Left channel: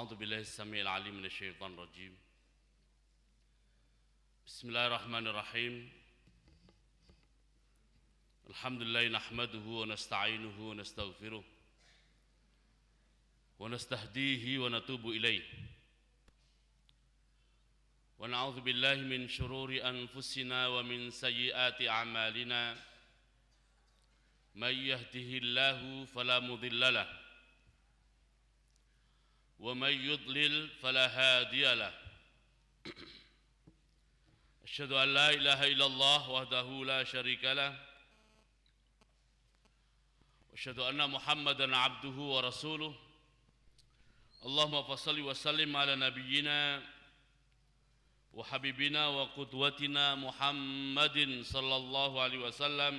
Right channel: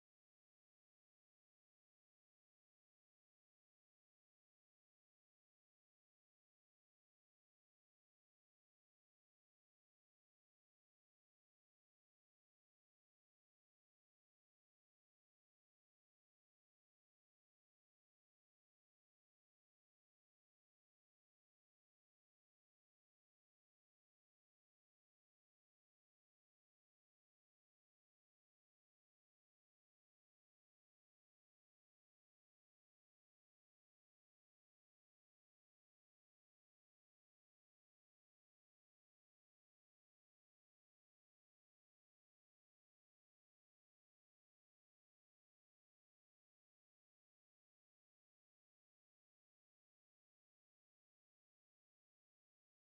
أعوذ بالله السميع العليم من الشيطان الرجيم. بسم الله الرحمن الرحيم. الحمد لله نحمده ونستعينه ونستغفره ونستهديه ونتوب إليه ونعوذ بالله من شرور أنفسنا ومن سيئات أعمالنا. من يهده الله فلا مضل له ومن يضلل فلا هادي له. أشهد أن لا إله إلا الله وحده لا شريك له وأشهد أن محمدا عبده ورسوله. اللهم فصل وسلم على نبينا وحبيبنا وقدوتنا محمد صلى الله عليه وسلم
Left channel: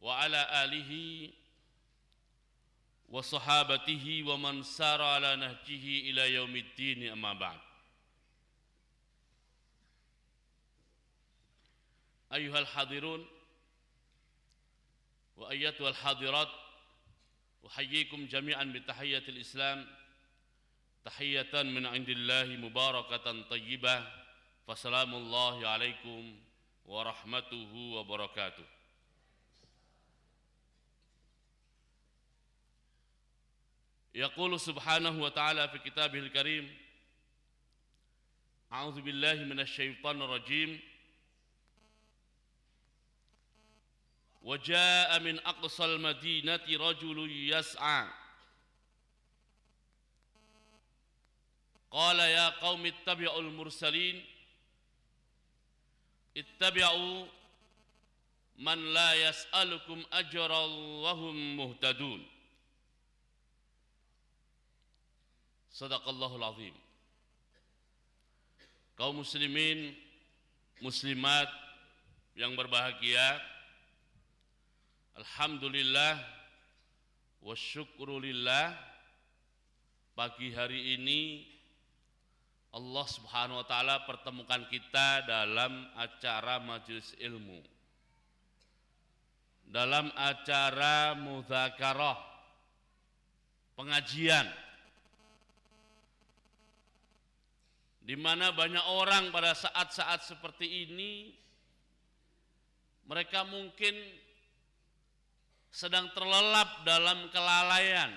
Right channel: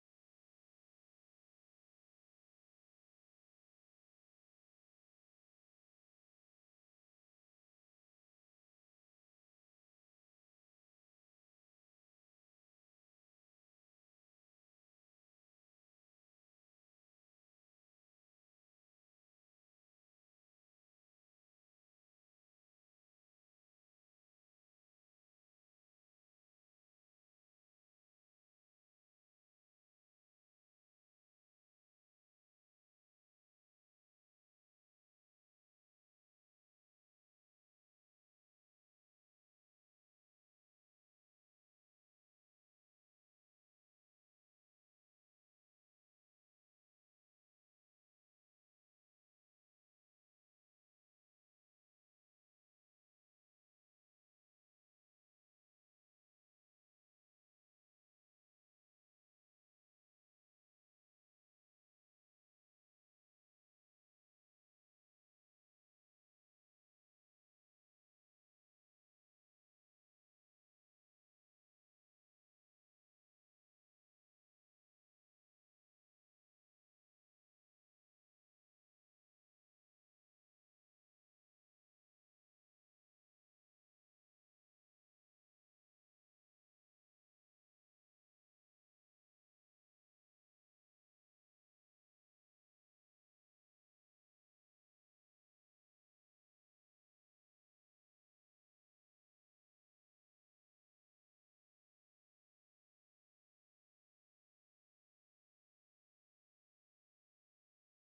وعلى آله وصحابته ومن سار على نهجه إلى يوم الدين. أما بعد. أيها الحاضرون وأيتها الحاضرات، أحييكم جميعا بتحية الإسلام، تحية من عند الله مباركة طيبة، فسلام الله عليكم ورحمته وبركاته. يقول سبحانه وتعالى في كتابه الكريم: أعوذ بالله من الشيطان الرجيم. وجاء من أقصى المدينة رجل يسعى قال يا قوم اتبعوا المرسلين اتبعوا من لا يسألكم أجرا وهم مهتدون. Sadaqallahul azim. Kaum muslimin, muslimat yang berbahagia, alhamdulillah wa syukrulillah, pagi hari ini Allah Subhanahu wa taala pertemukan kita dalam acara majelis ilmu, dalam acara mudzakarah, pengajian, di mana banyak orang pada saat-saat seperti ini mereka mungkin sedang terlelap dalam kelalaian,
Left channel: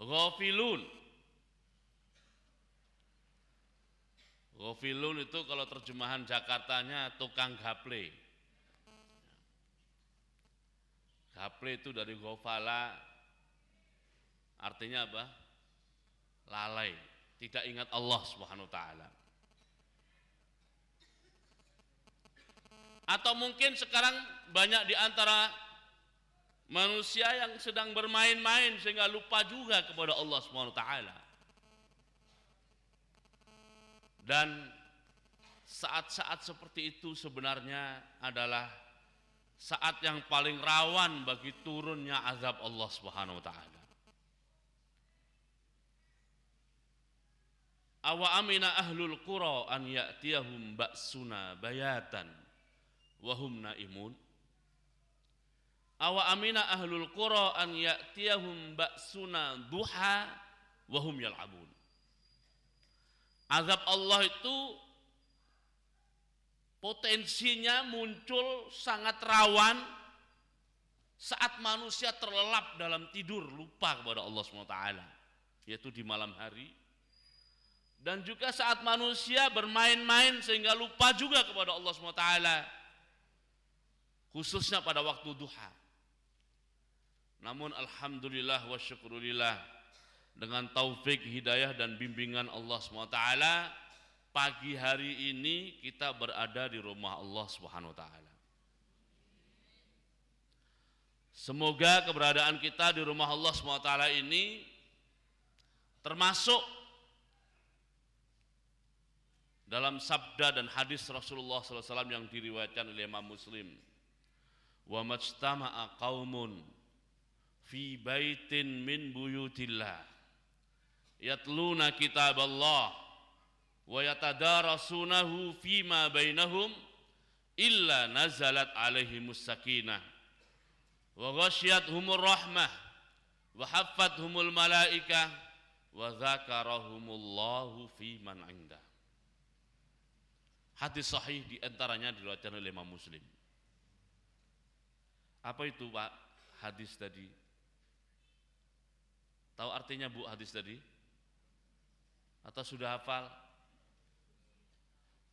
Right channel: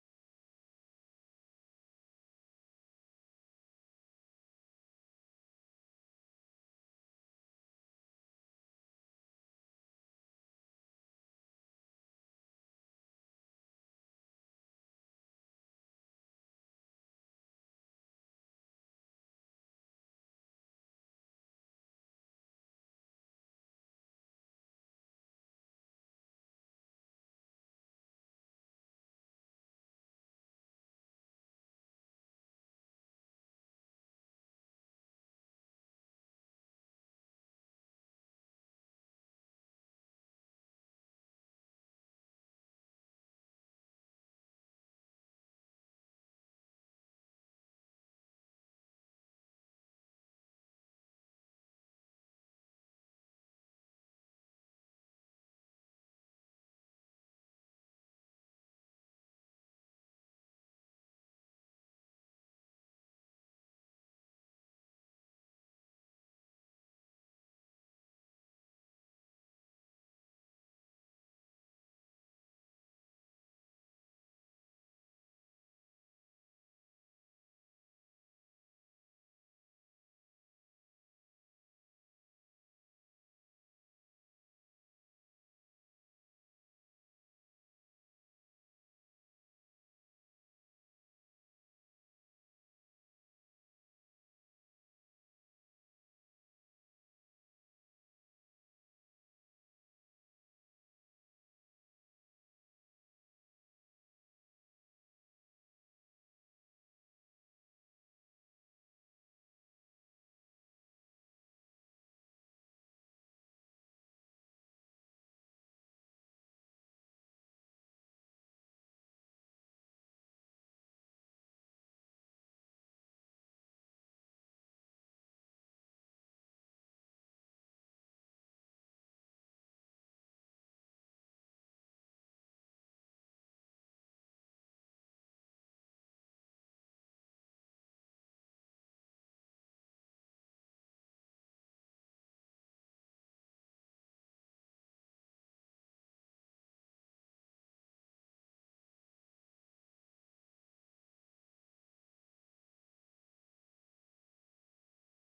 ghafilun. Ghafilun itu kalau terjemahan Jakartanya tukang gaple. Gaple itu dari ghafala, artinya apa? Lalai, tidak ingat Allah Subhanahu wa taala. Atau mungkin sekarang banyak di antara manusia yang sedang bermain-main sehingga lupa juga kepada Allah Subhanahu wa taala. Dan saat-saat seperti itu sebenarnya adalah saat yang paling rawan bagi turunnya azab Allah Subhanahu wa taala. Awa amina ahlul qura an ya'tiyahum ba'suna bayatan wa hum naimun. Awa amina ahlul qura an ya'tiyahum ba'suna duha wa hum yal'abun. Azab Allah itu potensinya muncul sangat rawan saat manusia terlelap dalam tidur, lupa kepada Allah SWT, yaitu di malam hari. Dan juga saat manusia bermain-main sehingga lupa juga kepada Allah SWT, khususnya pada waktu duha. Namun alhamdulillah wa syukrulillah, dengan taufik, hidayah dan bimbingan Allah SWT, pagi hari ini kita berada di rumah Allah SWT. Semoga keberadaan kita di rumah Allah SWT ini termasuk dalam sabda dan hadis Rasulullah SAW yang diriwayatkan oleh Imam Muslim. Wa majtama'a qaumun fi baitin min buyutillah yatluna kitaballah wa yatadarasunahu fima bainahum illa nazalat alaihimus sakinah wa ghasyiyatuhumur rahmah wa haffathumul malaikah wa dzakarahumullahu fi man 'indah. Hadis sahih diantaranya diriwayatkan oleh Imam Muslim. Apa itu Pak hadis tadi? Tahu artinya Bu hadis tadi? Atau sudah hafal?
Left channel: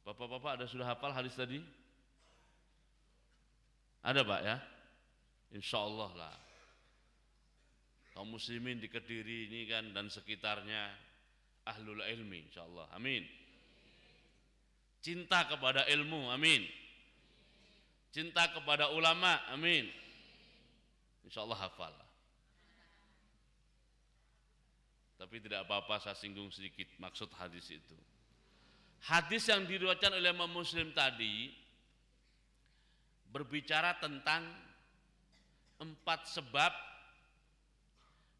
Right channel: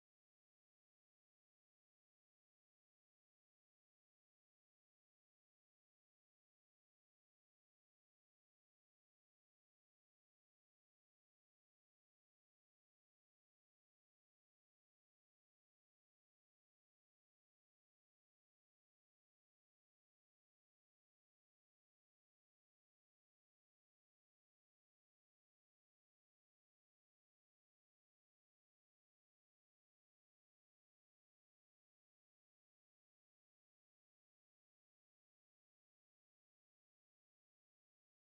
Bapak-bapak ada sudah hafal hadis tadi? Ada Pak ya? Insya Allah lah. Kaum muslimin di Kediri ini kan dan sekitarnya ahlul ilmi insya Allah. Amin. Cinta kepada ilmu, amin. Cinta kepada ulama, amin. Insya Allah hafal. Tapi tidak apa-apa saya singgung sedikit maksud hadis itu. Hadis yang diriwayatkan oleh Imam Muslim tadi berbicara tentang 4 sebab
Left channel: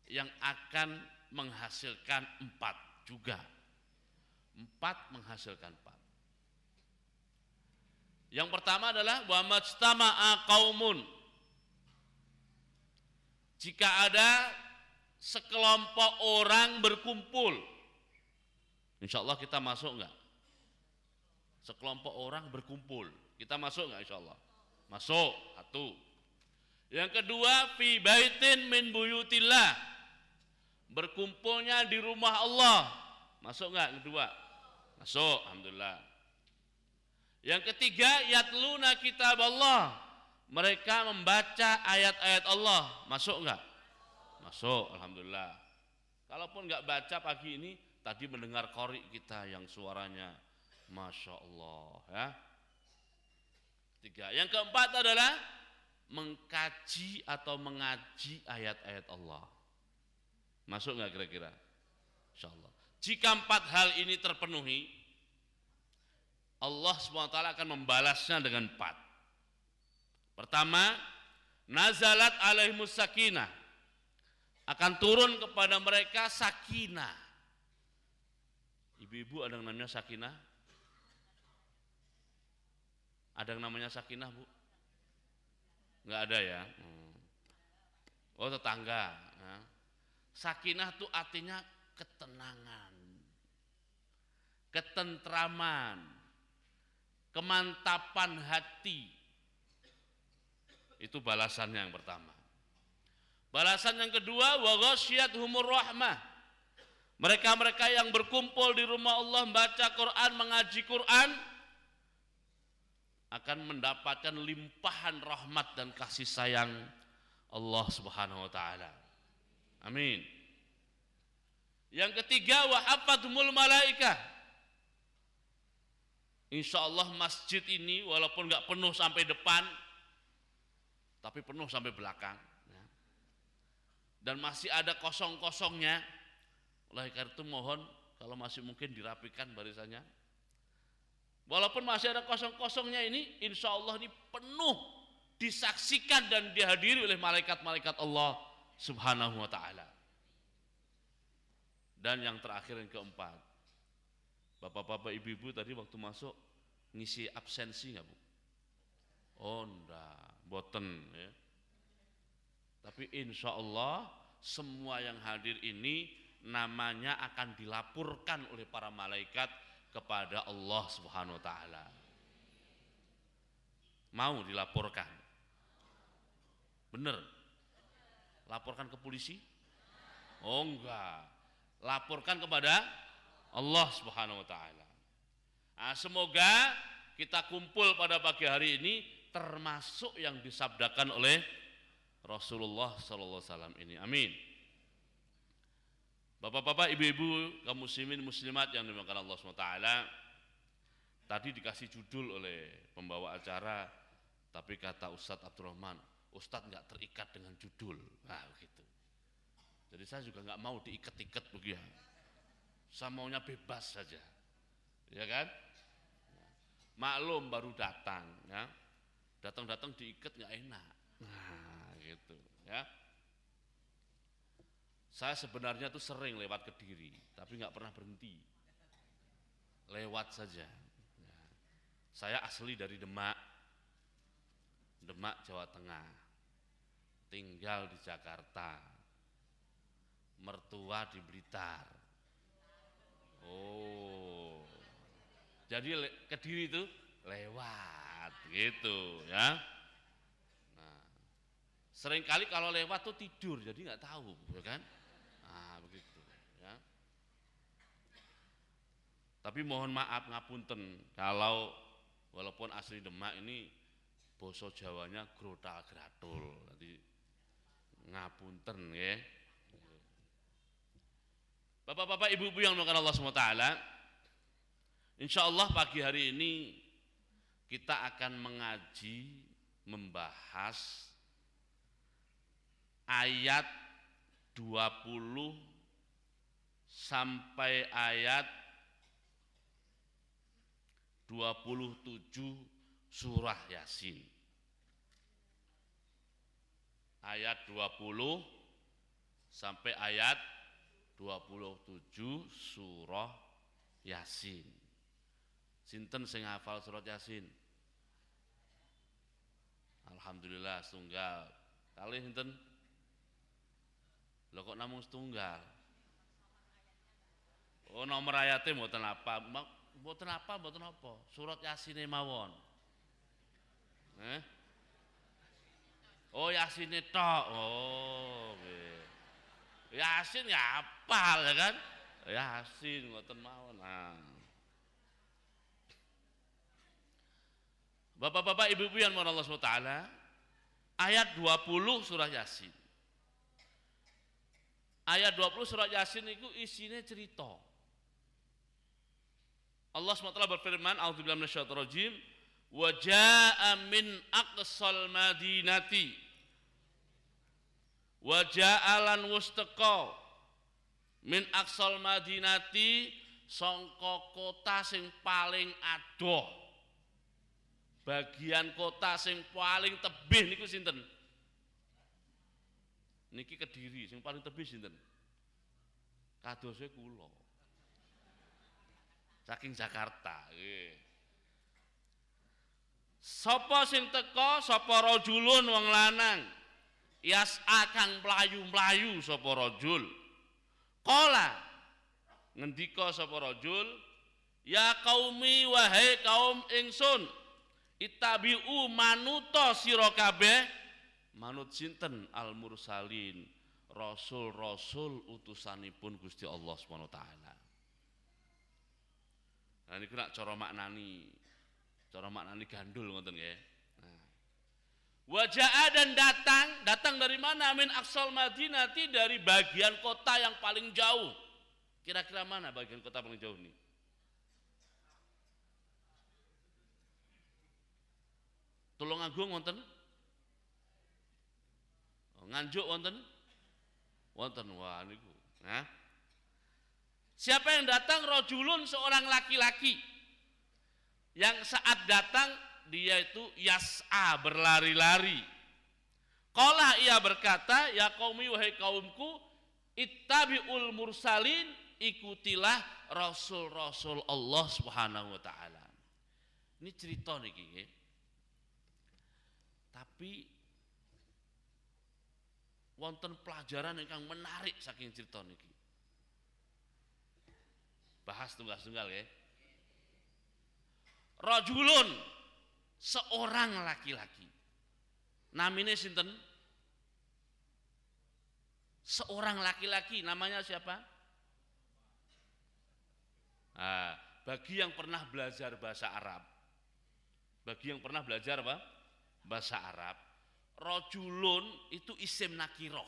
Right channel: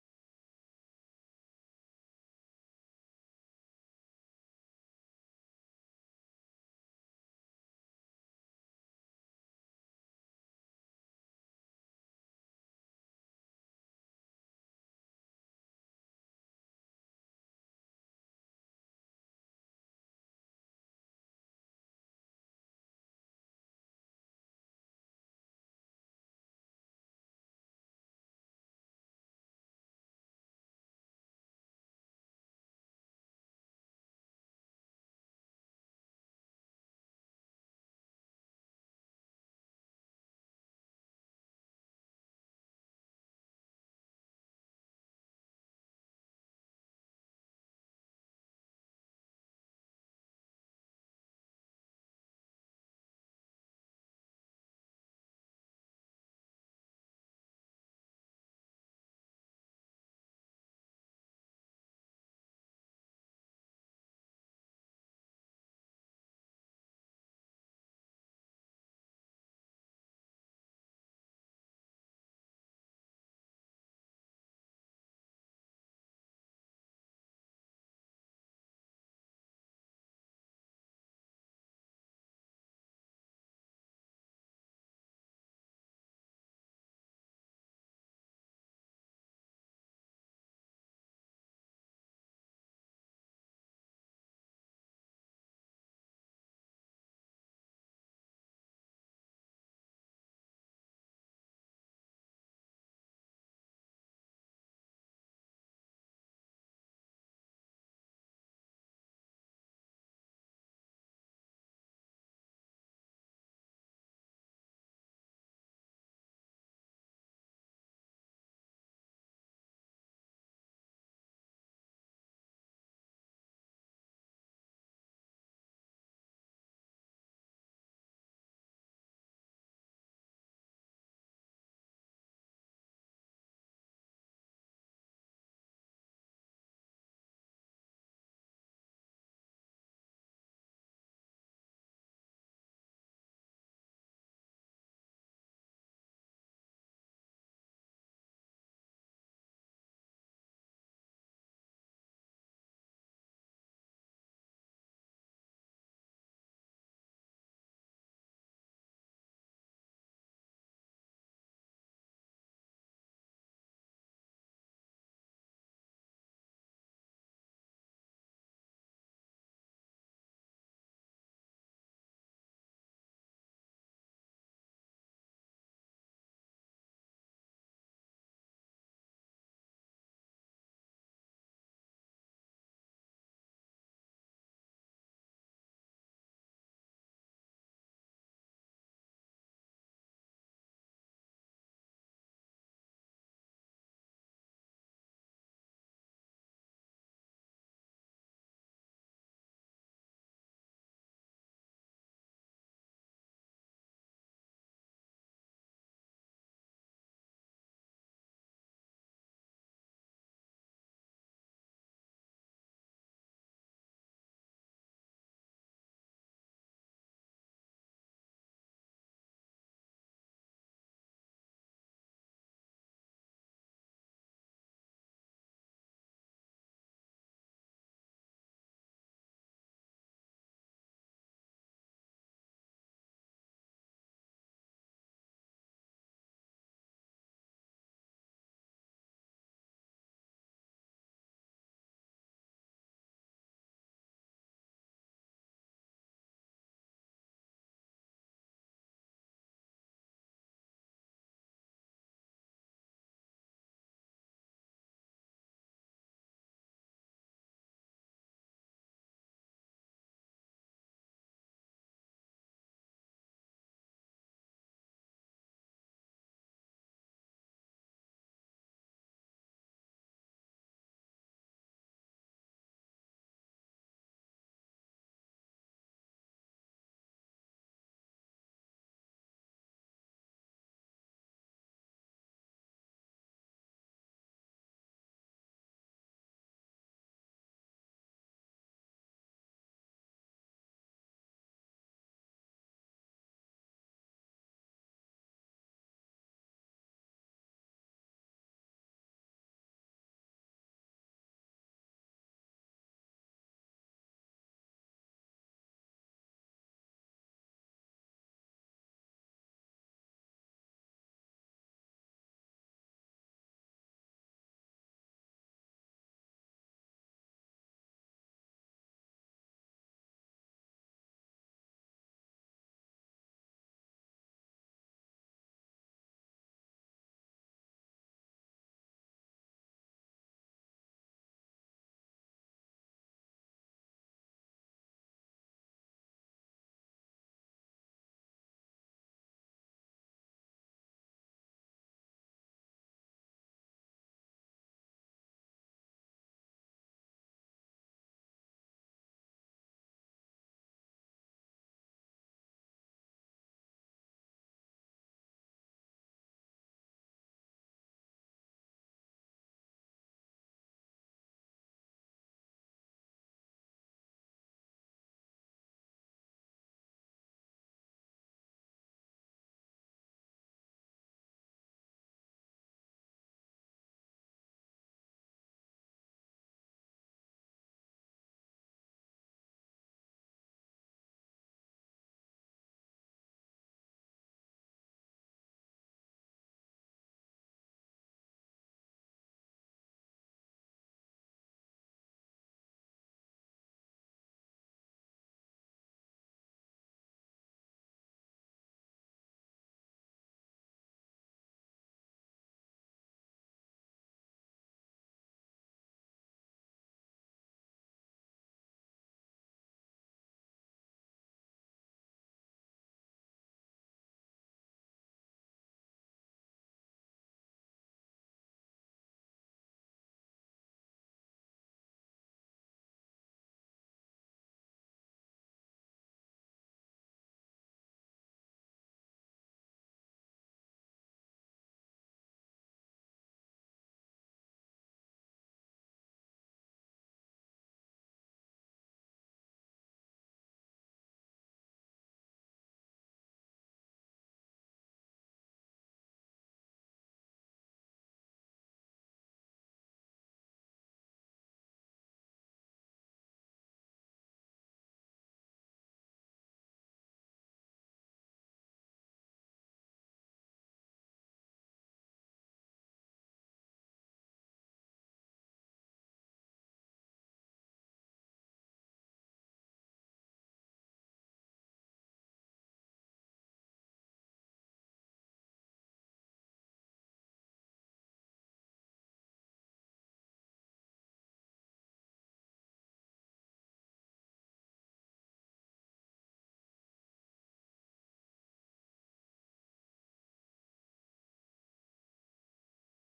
yang akan menghasilkan 4 juga. 4 menghasilkan 4. Yang pertama adalah wa majtama'a qaumun. Jika ada sekelompok orang berkumpul, insya Allah kita masuk enggak? Sekelompok orang berkumpul, kita masuk enggak insya Allah? Masuk, satu. Yang kedua, fi baitin min buyutillah, berkumpulnya di rumah Allah, masuk enggak? Kedua, masuk, alhamdulillah. Yang ketiga, yatluna kitab Allah, mereka membaca ayat-ayat Allah, masuk enggak? Masuk, alhamdulillah. Kalaupun enggak baca pagi ini, tadi mendengar qori kita yang suaranya Masya Allah ya. Ketiga. Yang keempat adalah mengkaji atau mengaji ayat-ayat Allah. Masuk enggak kira-kira? Insya Allah. Jika 4 hal ini terpenuhi, Allah SWT akan membalasnya dengan 4. Pertama, nazalat alaihimus sakinah, akan turun kepada mereka sakinah. Ibu-ibu ada yang namanya sakinah? Ada yang namanya sakinah Bu? Enggak ada ya? Oh tetangga. Sakinah itu artinya ketenangan, ketentraman, kemantapan hati. Itu balasannya yang pertama. Balasan yang kedua, wa ghasyiyatuhumur rahmah, mereka-mereka yang berkumpul di rumah Allah membaca Quran, mengaji Quran, akan mendapatkan limpahan rahmat dan kasih sayang Allah Subhanahu wa taala. Amin. Yang ketiga, wa haffathumul malaikah, insya Allah masjid ini walaupun enggak penuh sampai depan, tapi penuh sampai belakang ya. Dan masih ada kosong-kosongnya. Oleh karena itu mohon kalau masih mungkin dirapikan barisannya. Walaupun masih ada kosong-kosongnya ini, insya Allah ini penuh disaksikan dan dihadiri oleh malaikat-malaikat Allah Subhanahu wa ta'ala. Dan yang terakhir yang keempat, bapak-bapak ibu-ibu tadi waktu masuk ngisi absensi nggak Bu? Oh enggak, boten ya. Tapi insya Allah semua yang hadir ini namanya akan dilaporkan oleh para malaikat kepada Allah Subhanahu wa taala. Mau dilaporkan? Bener? Laporkan ke polisi? Oh enggak. Laporkan kepada Allah Subhanahu wa taala. Nah, semoga kita kumpul pada pagi hari ini termasuk yang disabdakan oleh Rasulullah sallallahu alaihi wasallam ini. Amin. Bapak-bapak, ibu-ibu, kaum muslimin muslimat yang dimuliakan Allah SWT, tadi dikasih judul oleh pembawa acara, tapi kata Ustadz Abdurrahman, Ustadz nggak terikat dengan judul, nah begitu. Jadi saya juga nggak mau diikat-ikat begitu. Saya maunya bebas saja, ya kan? Maklum baru datang, ya. Datang-datang diikat nggak enak, nah gitu, ya. Saya sebenarnya tuh sering lewat Kediri, tapi nggak pernah berhenti. Lewat saja. Ya. Saya asli dari Demak, Jawa Tengah. Tinggal di Jakarta. tua di Blitar. Oh. Jadi Kediri itu lewat gitu ya. Nah, seringkali kalau lewat tuh tidur jadi nggak tahu, ya kan? Nah, begitu ya. Tapi mohon maaf ngapunten kalau walaupun asli Demak ini basa Jawanya grotal gratul. Jadi ngapunten ya. Bapak-bapak, ibu-ibu yang dimuliakan Allah SWT, insya Allah pagi hari ini kita akan mengaji, membahas ayat 20 sampai ayat 27 surah Yasin. Ayat 20 sampai ayat 27 surah Yasin. Sinten sing hafal surat Yasin? Alhamdulillah setunggal. Kalih sinten? Lho kok namung setunggal? Oh, nomor ayatnya mboten apa? Mboten apa, mboten apa? Surat Yasin mawon. Oh, Yasin tok. Oh, nggih. Yasin ya hafal ya kan? Yasin ngoten mawon. Nah. Bapak-bapak, ibu-ibu yang mohon Allah SWT, ayat 20 surah Yasin. Ayat 20 surah Yasin itu isinya cerita. Allah SWT berfirman, a'udzubillahi minasyaitonir rajim, wa jaa'a min aqsal madinati wa ja'alan wustaqa min aqsal madinati, sangka kota sing paling adoh, bagian kota sing paling tebih niku sinten? Niki Kediri, sing paling tebih sinten? Kadose kula. Saking Jakarta, nggih. Sapa sing teka, sapa rajulun wong lanang. Yas'a kang mlayu-mlayu sapa rajul. Qala ngendika sapa rajul, ya qaumi wahai kaum ingsun, ittabi'u manuta sira kabeh, manut sinten? Al mursalin, rasul-rasul utusanipun Gusti Allah Subhanahu wa taala. Nah niku nak cara maknani gandul ngoten nggih. Nah. Waja'a dan datang dari mana? Min aqsal madinati, dari bagian kota yang paling jauh. Kira-kira mana bagian kota paling jauh nih? Tulungagung wonten? Nganjuk wonten? Wonten. Wah niku. Nah. Siapa yang datang? Rajulun, seorang laki-laki. Yang saat datang dia itu yas'a, berlari-lari. Qala, ia berkata, ya qaumi wahai kaumku, ittabi'ul mursalin, ikutilah rasul-rasul Allah Subhanahu wa taala. Ini cerita niki nggih. Tapi wonten pelajaran ingkang menarik saking cerita niki. Bahas tunggal-tunggal ya. Rajulun, seorang laki-laki. Namanya sinten? Seorang laki-laki, namanya siapa? Nah, bagi yang pernah belajar bahasa Arab, bahasa Arab, rajulun itu isim nakiroh.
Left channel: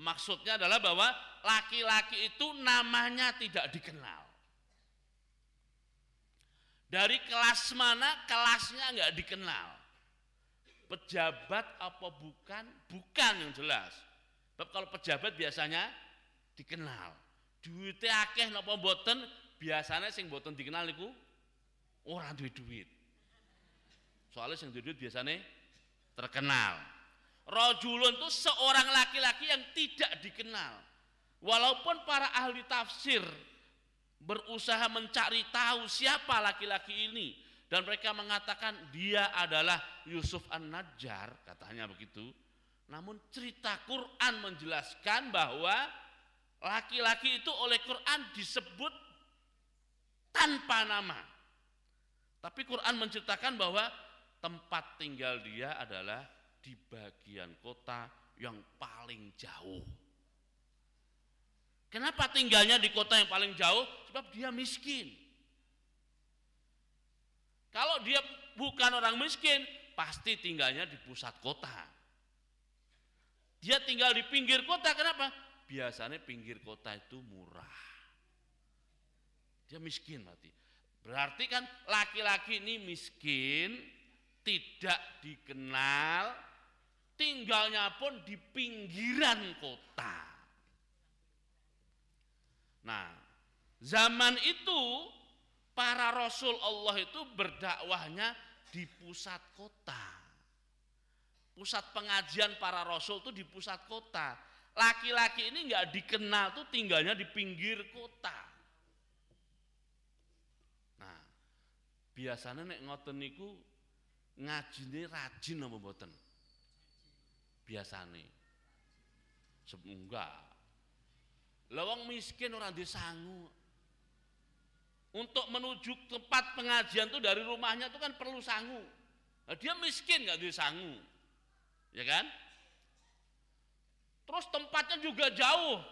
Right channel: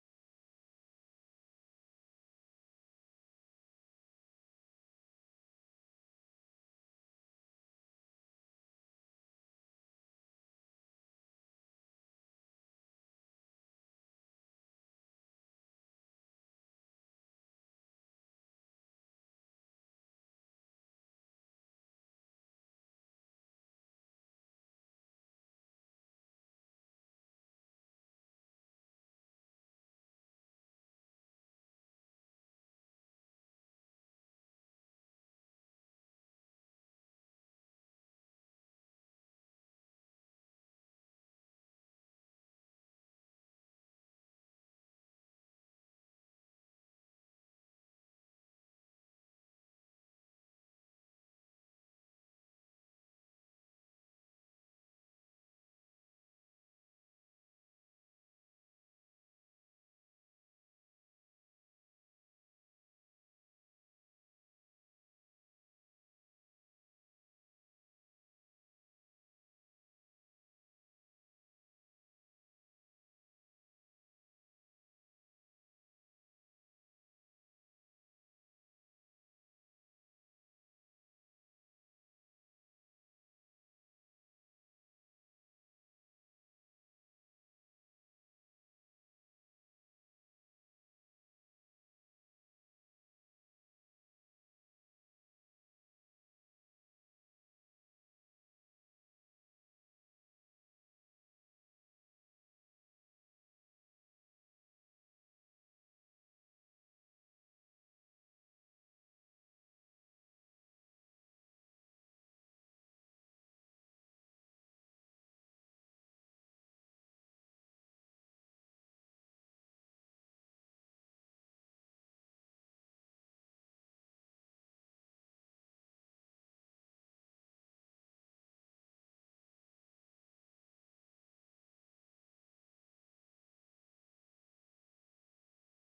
Maksudnya adalah bahwa laki-laki itu namanya tidak dikenal. Dari kelas mana, kelasnya nggak dikenal. Pejabat apa bukan? Bukan yang jelas. Sebab kalau pejabat biasanya dikenal. Duitnya akeh napa mboten, biasanya sing mboten dikenal niku ora duwe duit. Soalnya sing duwe duit biasanya terkenal. Rajulun itu seorang laki-laki yang tidak dikenal. Walaupun para ahli tafsir berusaha mencari tahu siapa laki-laki ini, dan mereka mengatakan dia adalah Yusuf An-Najjar, katanya begitu. Namun cerita Quran menjelaskan bahwa laki-laki itu oleh Quran disebut tanpa nama. Tapi Quran menceritakan bahwa tempat tinggal dia adalah di bagian kota yang paling jauh. Kenapa tinggalnya di kota yang paling jauh? Sebab dia miskin. Kalau dia bukan orang miskin, pasti tinggalnya di pusat kota. Dia tinggal di pinggir kota, kenapa? Biasanya pinggir kota itu murah. Dia miskin berarti. Berarti kan laki-laki ini miskin, tidak dikenal, tinggalnya pun di pinggiran kota. Nah, zaman itu para rasul Allah itu berdakwahnya di pusat kota. Pusat pengajian para rasul itu di pusat kota. Laki-laki ini nggak dikenal tuh tinggalnya di pinggir kota. Nah, biasanya nek ngoten niku ngajine rajin apa mboten? Biasane. Enggak. Lah wong miskin ora duwe sangu. Untuk menuju tempat pengajian tuh dari rumahnya tuh kan perlu sangu. Nah, dia miskin nggak duwe sangu. Ya kan? Terus tempatnya juga jauh.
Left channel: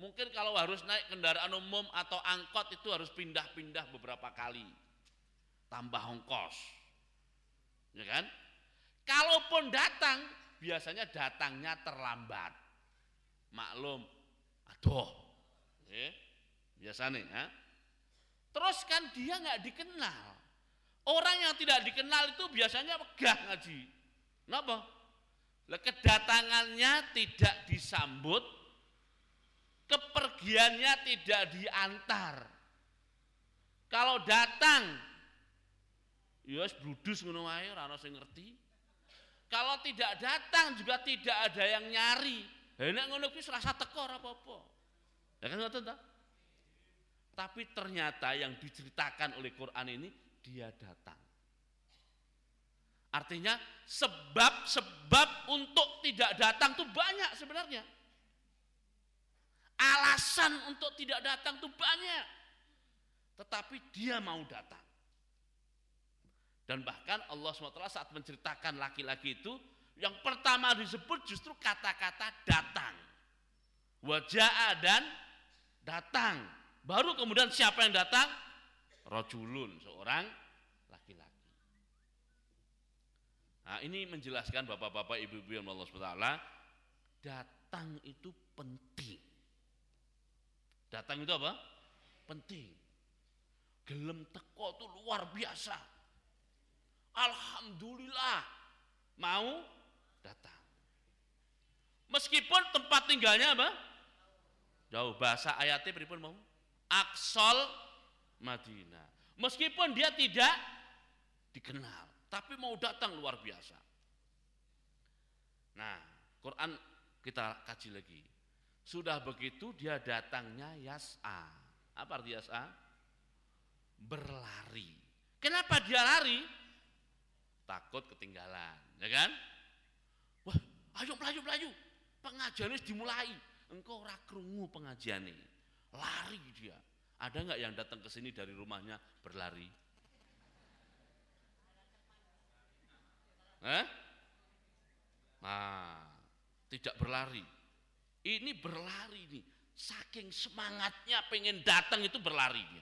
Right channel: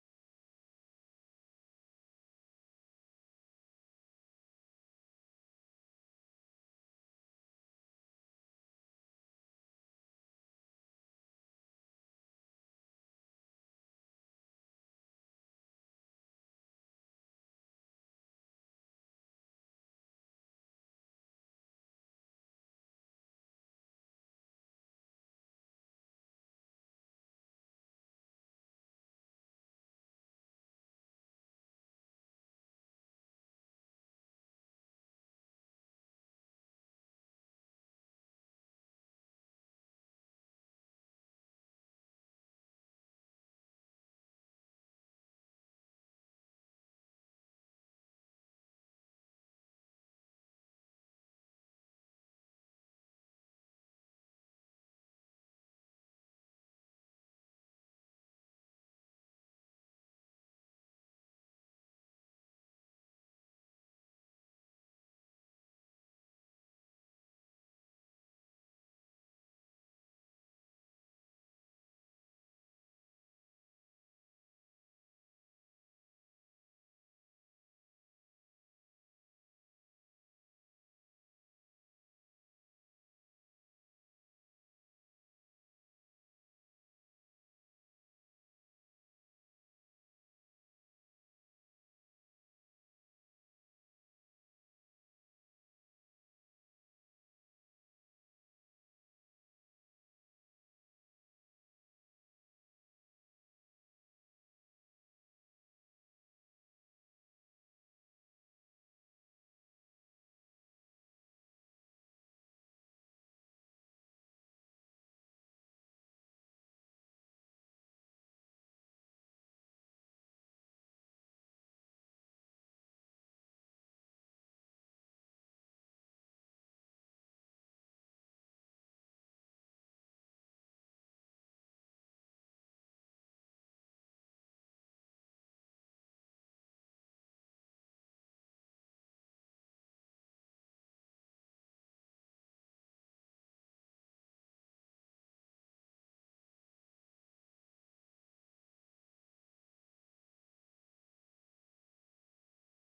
Mungkin kalau harus naik kendaraan umum atau angkot itu harus pindah-pindah beberapa kali. Tambah ongkos. Ya kan? Kalaupun datang, biasanya datangnya terlambat. Maklum, aduh. Biasanya ya. Terus kan dia nggak dikenal. Orang yang tidak dikenal itu biasanya megah ngaji. Kenapa? Kedatangannya tidak disambut, kepergiannya tidak diantar. Kalau datang, ya bludus ngono wae, ora ana sing ngerti. Kalau tidak datang juga tidak ada yang nyari. Lah nek ngono kuwi rasa teko ora apa-apa. Ya kan ngoten ta? Tapi ternyata yang diceritakan oleh Quran ini dia datang. Artinya sebab-sebab untuk tidak datang tuh banyak sebenarnya. Alasan untuk tidak datang tuh banyak. Tetapi dia mau datang. Dan bahkan Allah SWT saat menceritakan laki-laki itu, yang pertama disebut justru kata-kata datang. Waja'a dan datang. Baru kemudian siapa yang datang? Rajulun, seorang laki-laki. Nah, ini menjelaskan bapak-bapak, ibu-ibu yang Allah SWT, datang itu penting. Datang itu apa? Penting. Gelem teko itu luar biasa. Alhamdulillah mau datang. Meskipun tempat tinggalnya apa? Jauh. Bahasa ayatnya pripun mau? Aqsal Madinah. Meskipun dia tidak dikenal, tapi mau datang luar biasa. Nah, Quran kita kaji lagi. Sudah begitu dia datangnya yas'a. Apa arti yas'a? Berlari. Kenapa dia lari? Takut ketinggalan, ya kan? Wah, ayo melaju. Pengajian ini dimulai. Engkau ora krungu pengajian ini. Lari dia. Ada nggak yang datang ke sini dari rumahnya berlari? Nah, tidak berlari. Ini berlari nih. Saking semangatnya pengen datang itu berlari dia.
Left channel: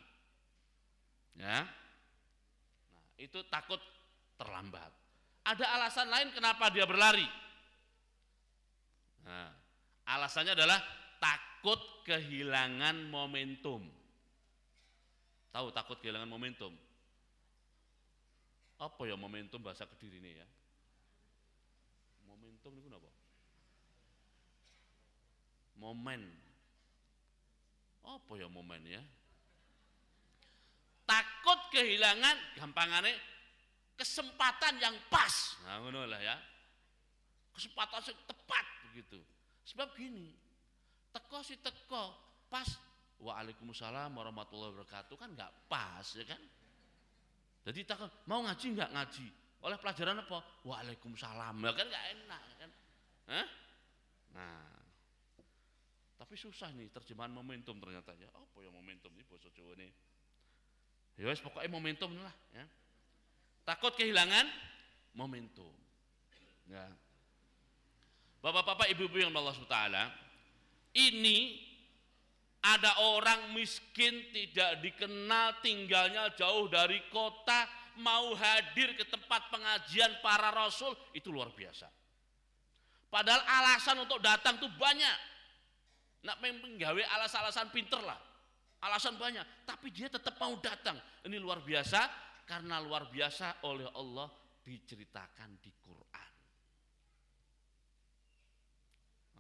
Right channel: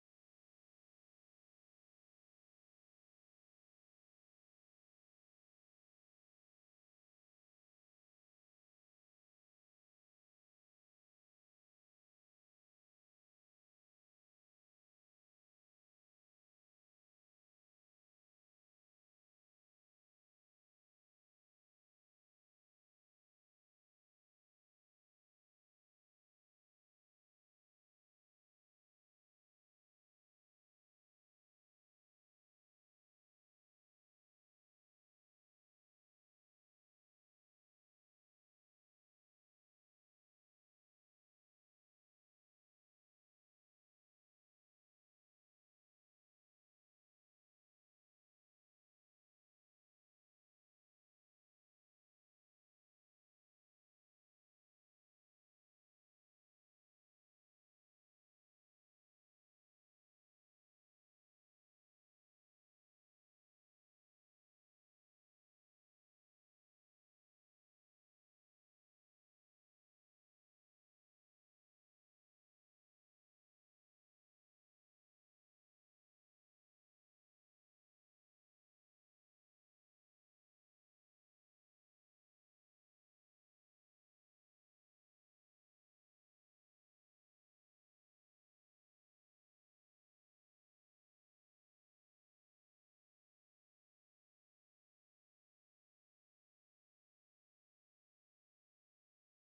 Ya. Nah, itu takut terlambat. Ada alasan lain kenapa dia berlari? Nah, alasannya adalah takut kehilangan momentum. Tahu takut kehilangan momentum? Apa ya momentum bahasa Kediri ini ya? Momentum itu apa? Momen. Apa ya momen ya? Takut kehilangan gampangannya kesempatan yang pas. Nah, ngono lah ya. Kesempatan yang tepat begitu. Sebab gini, teko pas waalaikumsalam warahmatullahi wabarakatuh kan nggak pas ya kan. Jadi takut mau ngaji nggak ngaji oleh pelajaran apa waalaikumsalam ya kan nggak enak kan. Hah? Nah, tapi susah nih terjemahan momentum ternyata ya. Apa ya momentum ini bahasa Jawa ini? Ya wes pokoknya momentum lah ya. Takut kehilangan momentum. Ya. Bapak-bapak, ibu-ibu yang Allah Subhanahu wa taala, ini ada orang miskin tidak dikenal, tinggalnya jauh dari kota, mau hadir ke tempat pengajian para rasul, itu luar biasa. Padahal alasan untuk datang tuh banyak. Nak menggawe alasan-alasan pinter lah. Alasan banyak, tapi dia tetap mau datang. Ini luar biasa, karena luar biasa oleh Allah diceritakan di Quran.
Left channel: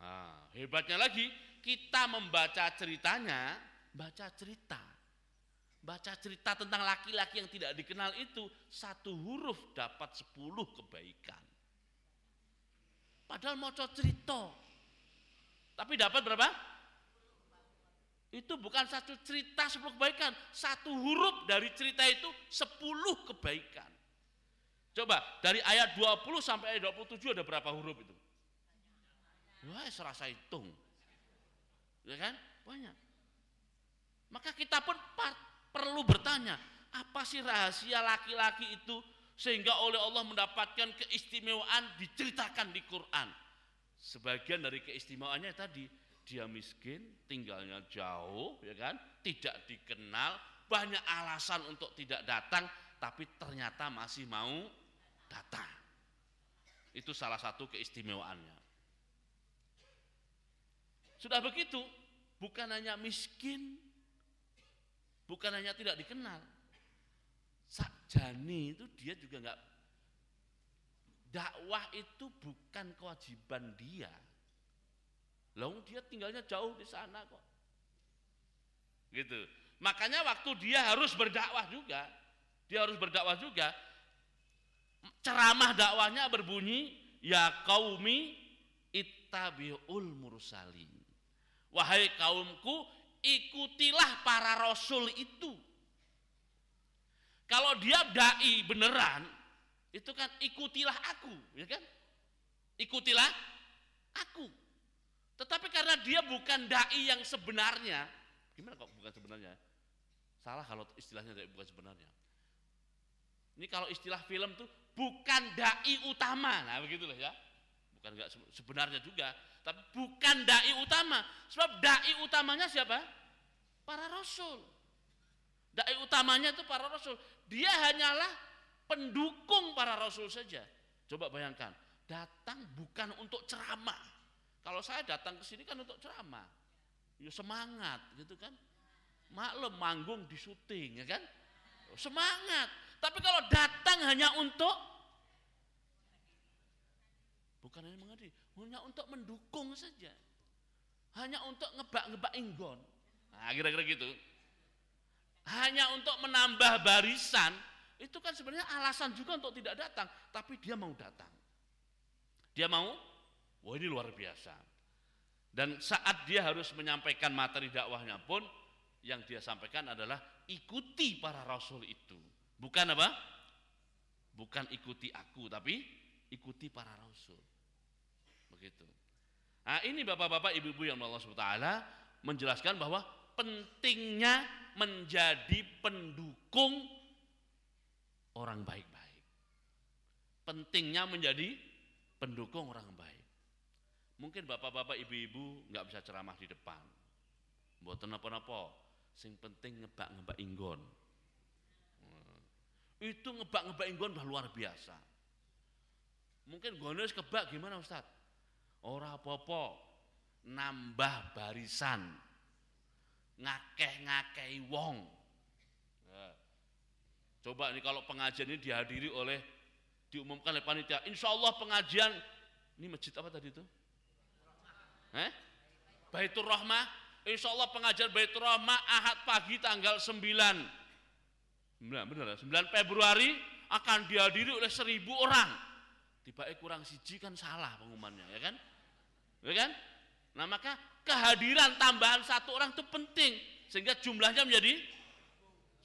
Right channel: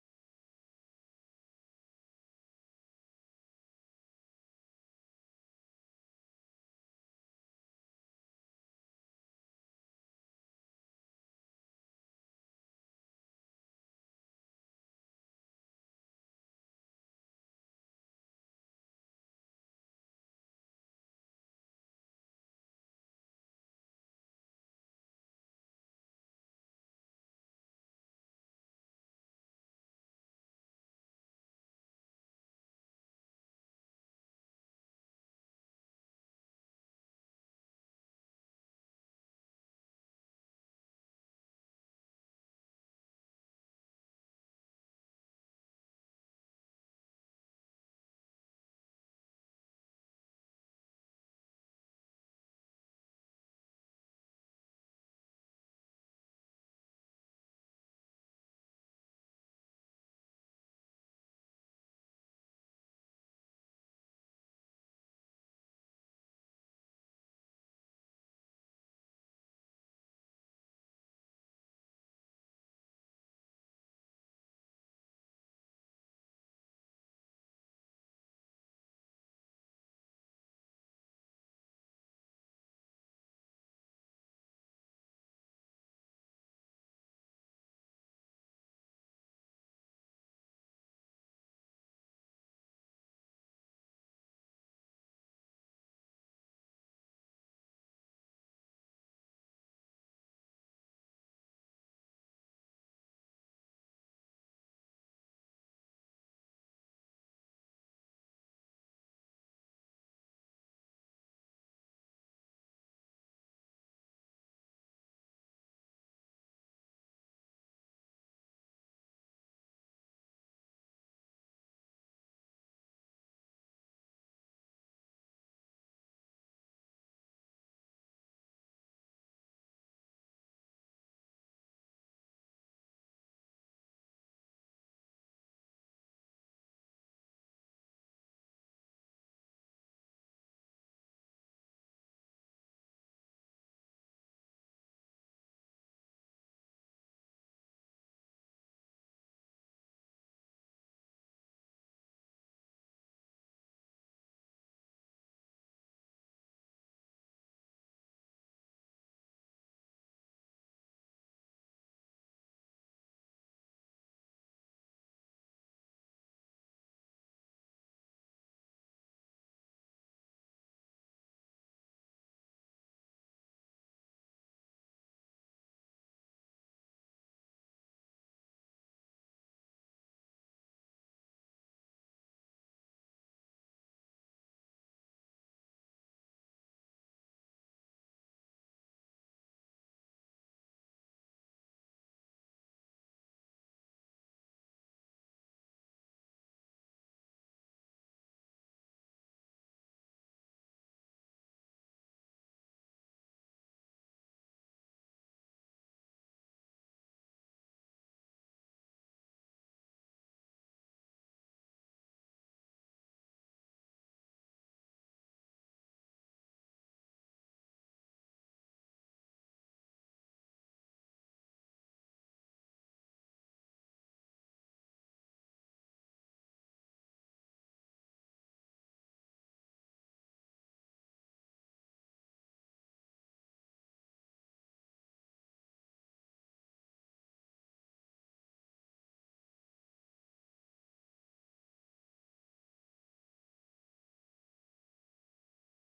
Nah, hebatnya lagi, kita membaca ceritanya, baca cerita tentang laki-laki yang tidak dikenal itu, satu huruf dapat 10 kebaikan. Padahal mau cerita, tapi dapat berapa? Itu bukan satu cerita 10 kebaikan, satu huruf dari cerita itu 10 kebaikan. Coba dari ayat 20 sampai ayat 27 ada berapa huruf itu? Wah, serasa hitung. Ya kan? Banyak. Maka kita pun perlu bertanya, apa sih rahasia laki-laki itu sehingga oleh Allah mendapatkan keistimewaan diceritakan di Quran? Sebagian dari keistimewaannya tadi, dia miskin, tinggalnya jauh, ya kan? Tidak dikenal, banyak alasan untuk tidak datang, tapi ternyata masih mau datang. Itu salah satu keistimewaannya. Sudah begitu, bukan hanya miskin, bukan hanya tidak dikenal, sakjane itu dia juga enggak. Dakwah itu bukan kewajiban dia. Lalu dia tinggalnya jauh di sana kok. Gitu. Makanya waktu dia harus berdakwah juga, ceramah dakwahnya berbunyi, ya qaumi ittabi'ul mursalin. Wahai kaumku, ikutilah para rasul itu. Kalau dia dai beneran, itu kan ikutilah aku, ya kan? Ikutilah aku. Tetapi karena dia bukan dai yang sebenarnya, gimana kok bukan sebenarnya? Salah kalau istilahnya bukan sebenarnya. Ini kalau istilah film tuh bukan dai utama, nah begitulah ya. Bukan enggak sebenarnya juga, tapi bukan dai utama. Sebab dai utamanya siapa? Para rasul. Dai utamanya itu para rasul. Dia hanyalah pendukung para rasul saja. Coba bayangkan, datang bukan untuk ceramah. Kalau saya datang ke sini kan untuk ceramah. Ya semangat gitu kan. Maklum manggung di syuting ya kan. Semangat. Tapi kalau datang hanya untuk bukan hanya mengerti, hanya untuk mendukung saja. Hanya untuk ngebak-ngebak inggon. Nah, kira-kira gitu. Hanya untuk menambah barisan, itu kan sebenarnya alasan juga untuk tidak datang, tapi dia mau datang. Dia mau, wah ini luar biasa. Dan saat dia harus menyampaikan materi dakwahnya pun, yang dia sampaikan adalah ikuti para rasul itu. Bukan apa? Bukan ikuti aku, tapi ikuti para rasul. Begitu. Nah ini bapak-bapak, ibu-ibu yang Allah SWT menjelaskan bahwa pentingnya menjadi pendukung orang baik-baik. Pentingnya menjadi pendukung orang baik. Mungkin bapak-bapak, ibu-ibu nggak bisa ceramah di depan. Mboten napa-napa, sing penting ngebak-ngebak inggon. Itu ngebak-ngebak inggon udah luar biasa. Mungkin gone wis kebak gimana Ustaz? Ora apa-apa, nambah barisan, ngakeh-ngakehi wong. Nah, coba nih kalau pengajian ini dihadiri oleh, diumumkan oleh panitia, insya Allah pengajian, ini masjid apa tadi itu? Baitur Rahmah, insya Allah pengajian Baitur Rahmah Ahad pagi tanggal 9 Februari akan dihadiri oleh 1.000 orang. Tiba-tiba kurang siji kan salah pengumumannya, ya kan? Ya kan? Nah maka kehadiran tambahan 1 orang itu penting sehingga jumlahnya menjadi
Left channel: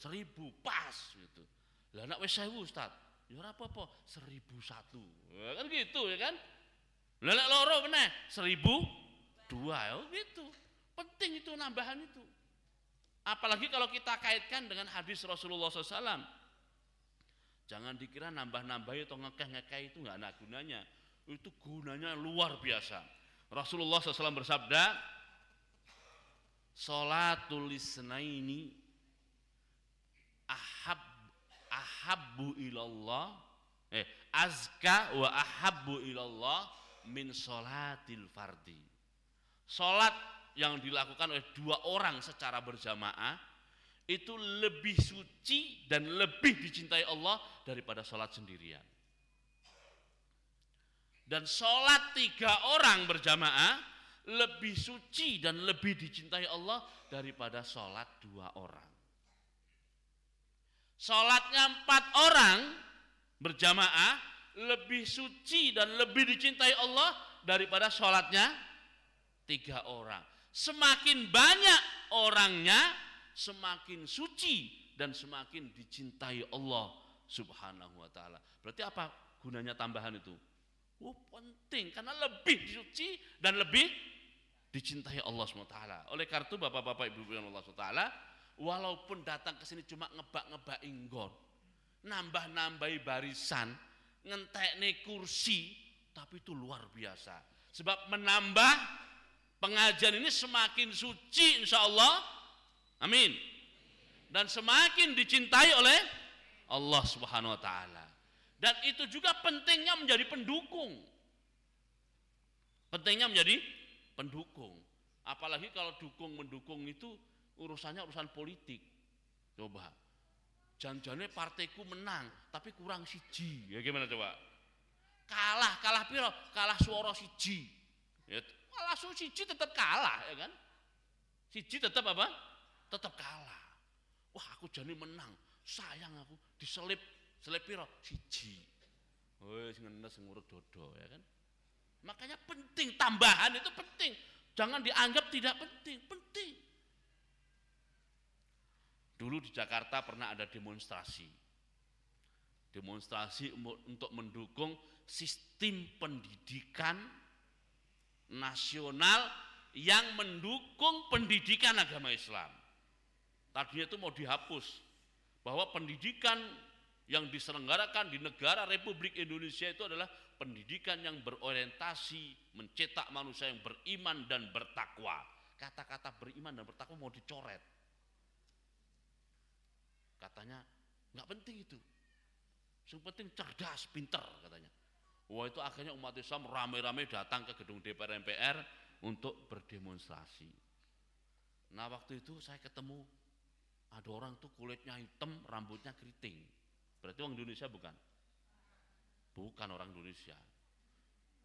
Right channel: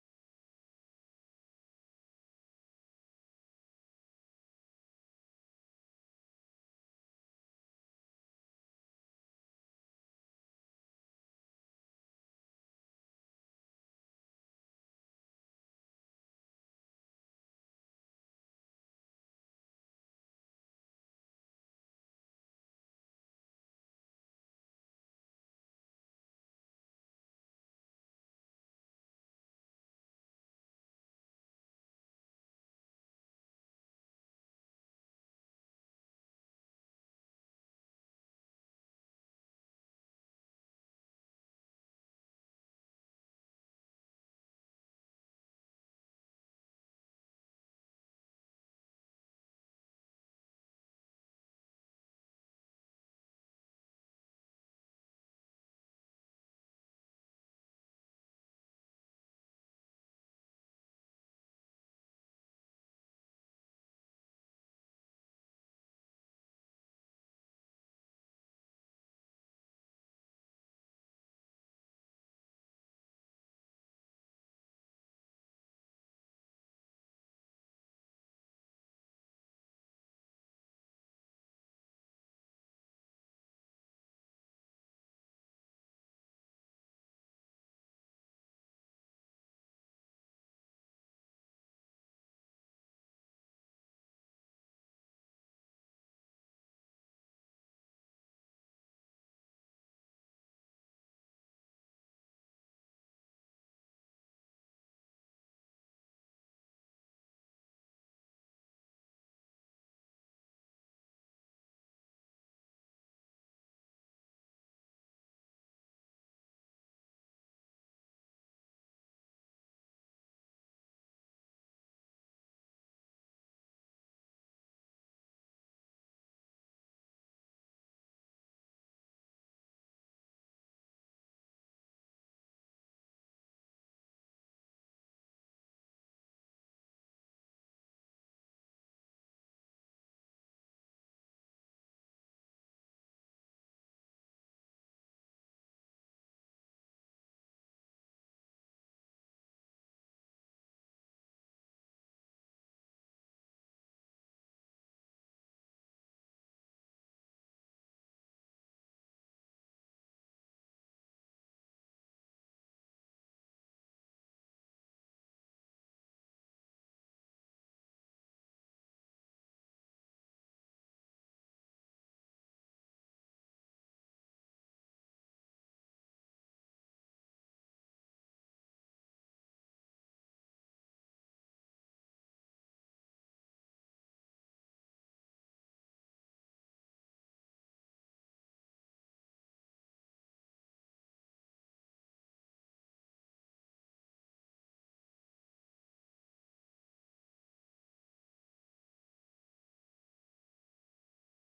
1.000 pas gitu. Lah nek wis 1.000 Ustaz, ya ora apa-apa, 1.001. Ya kan gitu ya kan? Lelek loro meneh 1.002 gitu. Penting itu nambahan itu. Apalagi kalau kita kaitkan dengan hadis Rasulullah SAW. Jangan dikira nambah-nambah atau ngekeh-ngekeh itu nggak ada gunanya. Itu gunanya luar biasa. Rasulullah SAW bersabda, Sholatul isnaini ahabbu ilallah azka wa ahabbu ilallah min sholatil fardi. Sholat yang dilakukan oleh dua orang secara berjamaah itu lebih suci dan lebih dicintai Allah daripada sholat sendirian. Dan sholat 3 orang berjamaah lebih suci dan lebih dicintai Allah daripada sholat 2 orang. Sholatnya 4 orang berjamaah lebih suci dan lebih dicintai Allah daripada sholatnya 3 orang. Semakin banyak orangnya, semakin suci dan semakin dicintai Allah Subhanahu wa ta'ala. Berarti apa gunanya tambahan itu? Penting, karena lebih suci dan lebih dicintai Allah SWT. Oleh karena itu bapak-bapak ibu-ibu yang Allah SWT, walaupun datang ke sini cuma ngebak-ngebak inggon, nambah-nambahi barisan, ngentekne kursi, tapi itu luar biasa. Sebab menambah pengajian ini semakin suci insya Allah, amin. Dan semakin dicintai oleh Allah Subhanahu wa ta'ala. Dan itu juga pentingnya menjadi pendukung. Pentingnya menjadi pendukung. Apalagi kalau mendukung itu urusannya urusan politik. Coba. Janjane partaiku menang, tapi kurang siji. Ya gimana coba? Kalah piro? Kalah suara siji. Ya, kalah suara siji tetap kalah, ya kan? Siji tetap apa? Tetap kalah. Wah, aku jane menang. Sayang aku diselip piro? Siji. Wis ngenes ngurut dodo, ya kan? Makanya penting, tambahan itu penting. Jangan dianggap tidak penting, penting. Dulu di Jakarta pernah ada demonstrasi. Demonstrasi untuk mendukung sistem pendidikan nasional yang mendukung pendidikan agama Islam. Tadinya itu mau dihapus, bahwa pendidikan yang diselenggarakan di negara Republik Indonesia itu adalah pendidikan yang berorientasi mencetak manusia yang beriman dan bertakwa. Kata-kata beriman dan bertakwa mau dicoret. Katanya nggak penting itu. Yang penting cerdas, pinter katanya. Wah, itu akhirnya umat Islam ramai-ramai datang ke gedung DPR MPR untuk berdemonstrasi. Nah, waktu itu saya ketemu ada orang tuh kulitnya hitam, rambutnya keriting. Berarti orang Indonesia bukan? Bukan orang Indonesia.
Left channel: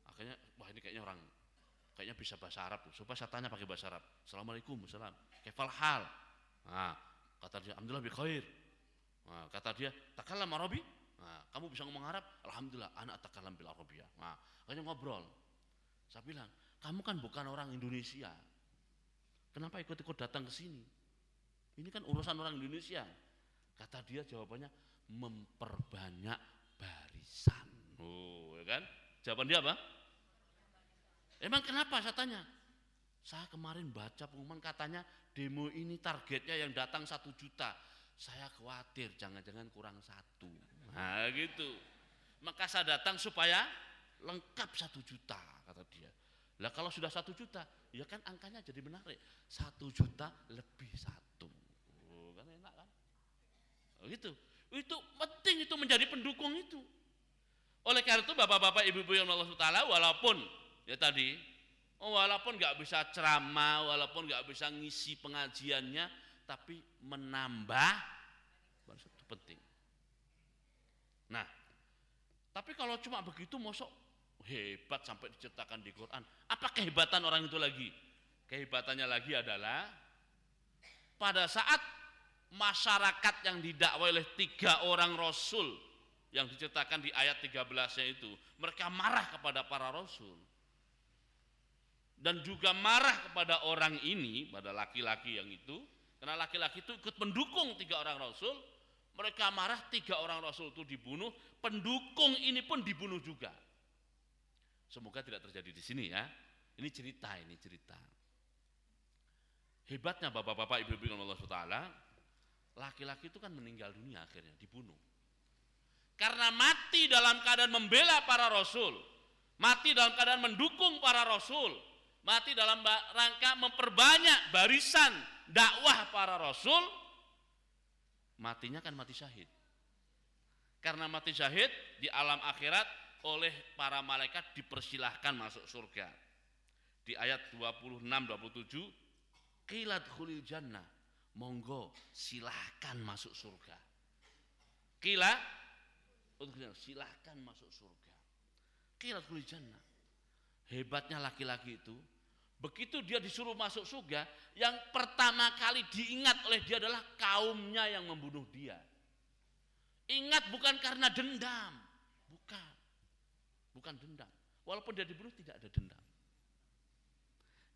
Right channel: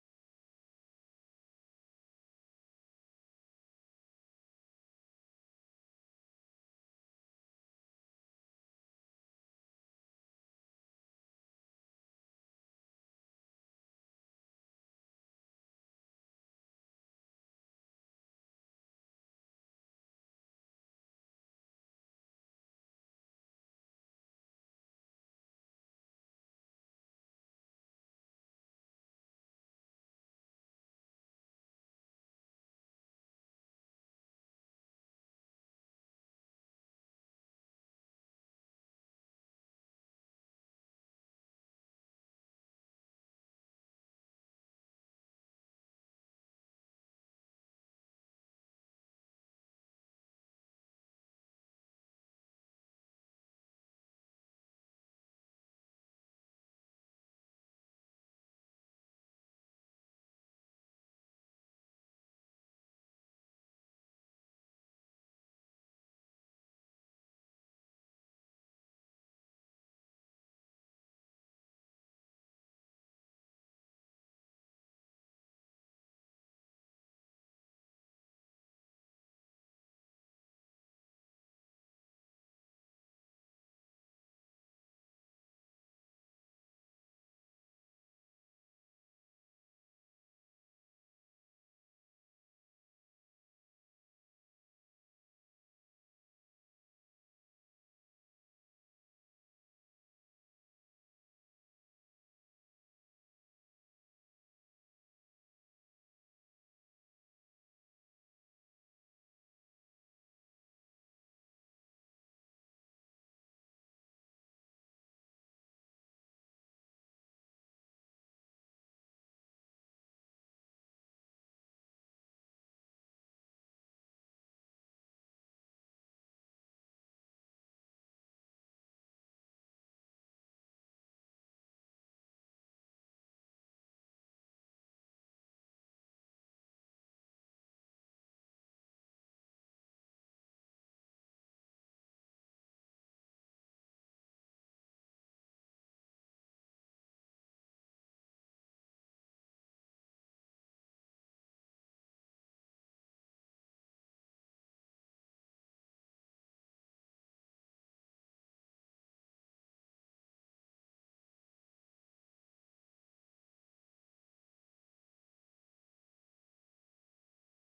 Akhirnya, wah ini kayaknya bisa bahasa Arab. Supaya saya tanya pakai bahasa Arab. Assalamualaikum, salam. Kaifal hal? Nah, kata dia, alhamdulillah bi khair. Nah, kata dia, takallam Arabi? Nah, kamu bisa ngomong Arab? Alhamdulillah, anak takallam bil Arabiyah. Nah, akhirnya ngobrol. Saya bilang, kamu kan bukan orang Indonesia. Kenapa ikut-ikut datang ke sini? Ini kan urusan orang Indonesia. Kata dia jawabannya, memperbanyak barisan. Oh, ya kan? Jawaban dia apa? Emang kenapa saya tanya? Saya kemarin baca pengumuman katanya demo ini targetnya yang datang 1 juta. Saya khawatir jangan-jangan kurang 1. Nah gitu. Maka saya datang supaya lengkap 1 juta kata dia. Lah kalau sudah 1 juta, ya kan angkanya jadi menarik. 1 juta lebih 1. Oh, kan enak kan? Oh, gitu. Itu penting itu menjadi pendukung itu. Oleh karena itu bapak-bapak ibu-ibu yang Allah Taala walaupun ya tadi walaupun nggak bisa ceramah, walaupun nggak bisa ngisi pengajiannya, tapi menambah itu penting. Nah, tapi kalau cuma begitu mosok hebat sampai diceritakan di Quran. Apa kehebatan orang itu lagi? Kehebatannya lagi adalah pada saat masyarakat yang didakwai oleh 3 orang rasul yang diceritakan di ayat 13-nya itu, mereka marah kepada para rasul dan juga marah kepada orang ini, pada laki-laki yang itu, karena laki-laki itu ikut mendukung 3 orang rasul. Mereka marah, 3 orang rasul itu dibunuh, pendukung ini pun dibunuh juga. Semoga tidak terjadi di sini ya. Ini cerita. Hebatnya bapak-bapak, ibu-ibu yang Allah SWT, laki-laki itu kan meninggal dunia akhirnya, dibunuh. Karena mati dalam keadaan membela para rasul, mati dalam keadaan mendukung para rasul, mati dalam rangka memperbanyak barisan dakwah para rasul, matinya kan mati syahid. Karena mati syahid di alam akhirat oleh para malaikat dipersilahkan masuk surga. Di ayat 26-27, qilat khulil jannah, monggo silahkan masuk surga. Qila, silahkan masuk surga. Qilat khulil jannah. Hebatnya laki-laki itu, begitu dia disuruh masuk surga, yang pertama kali diingat oleh dia adalah kaumnya yang membunuh dia. Ingat bukan karena dendam, bukan dendam. Walaupun dia dibunuh tidak ada dendam.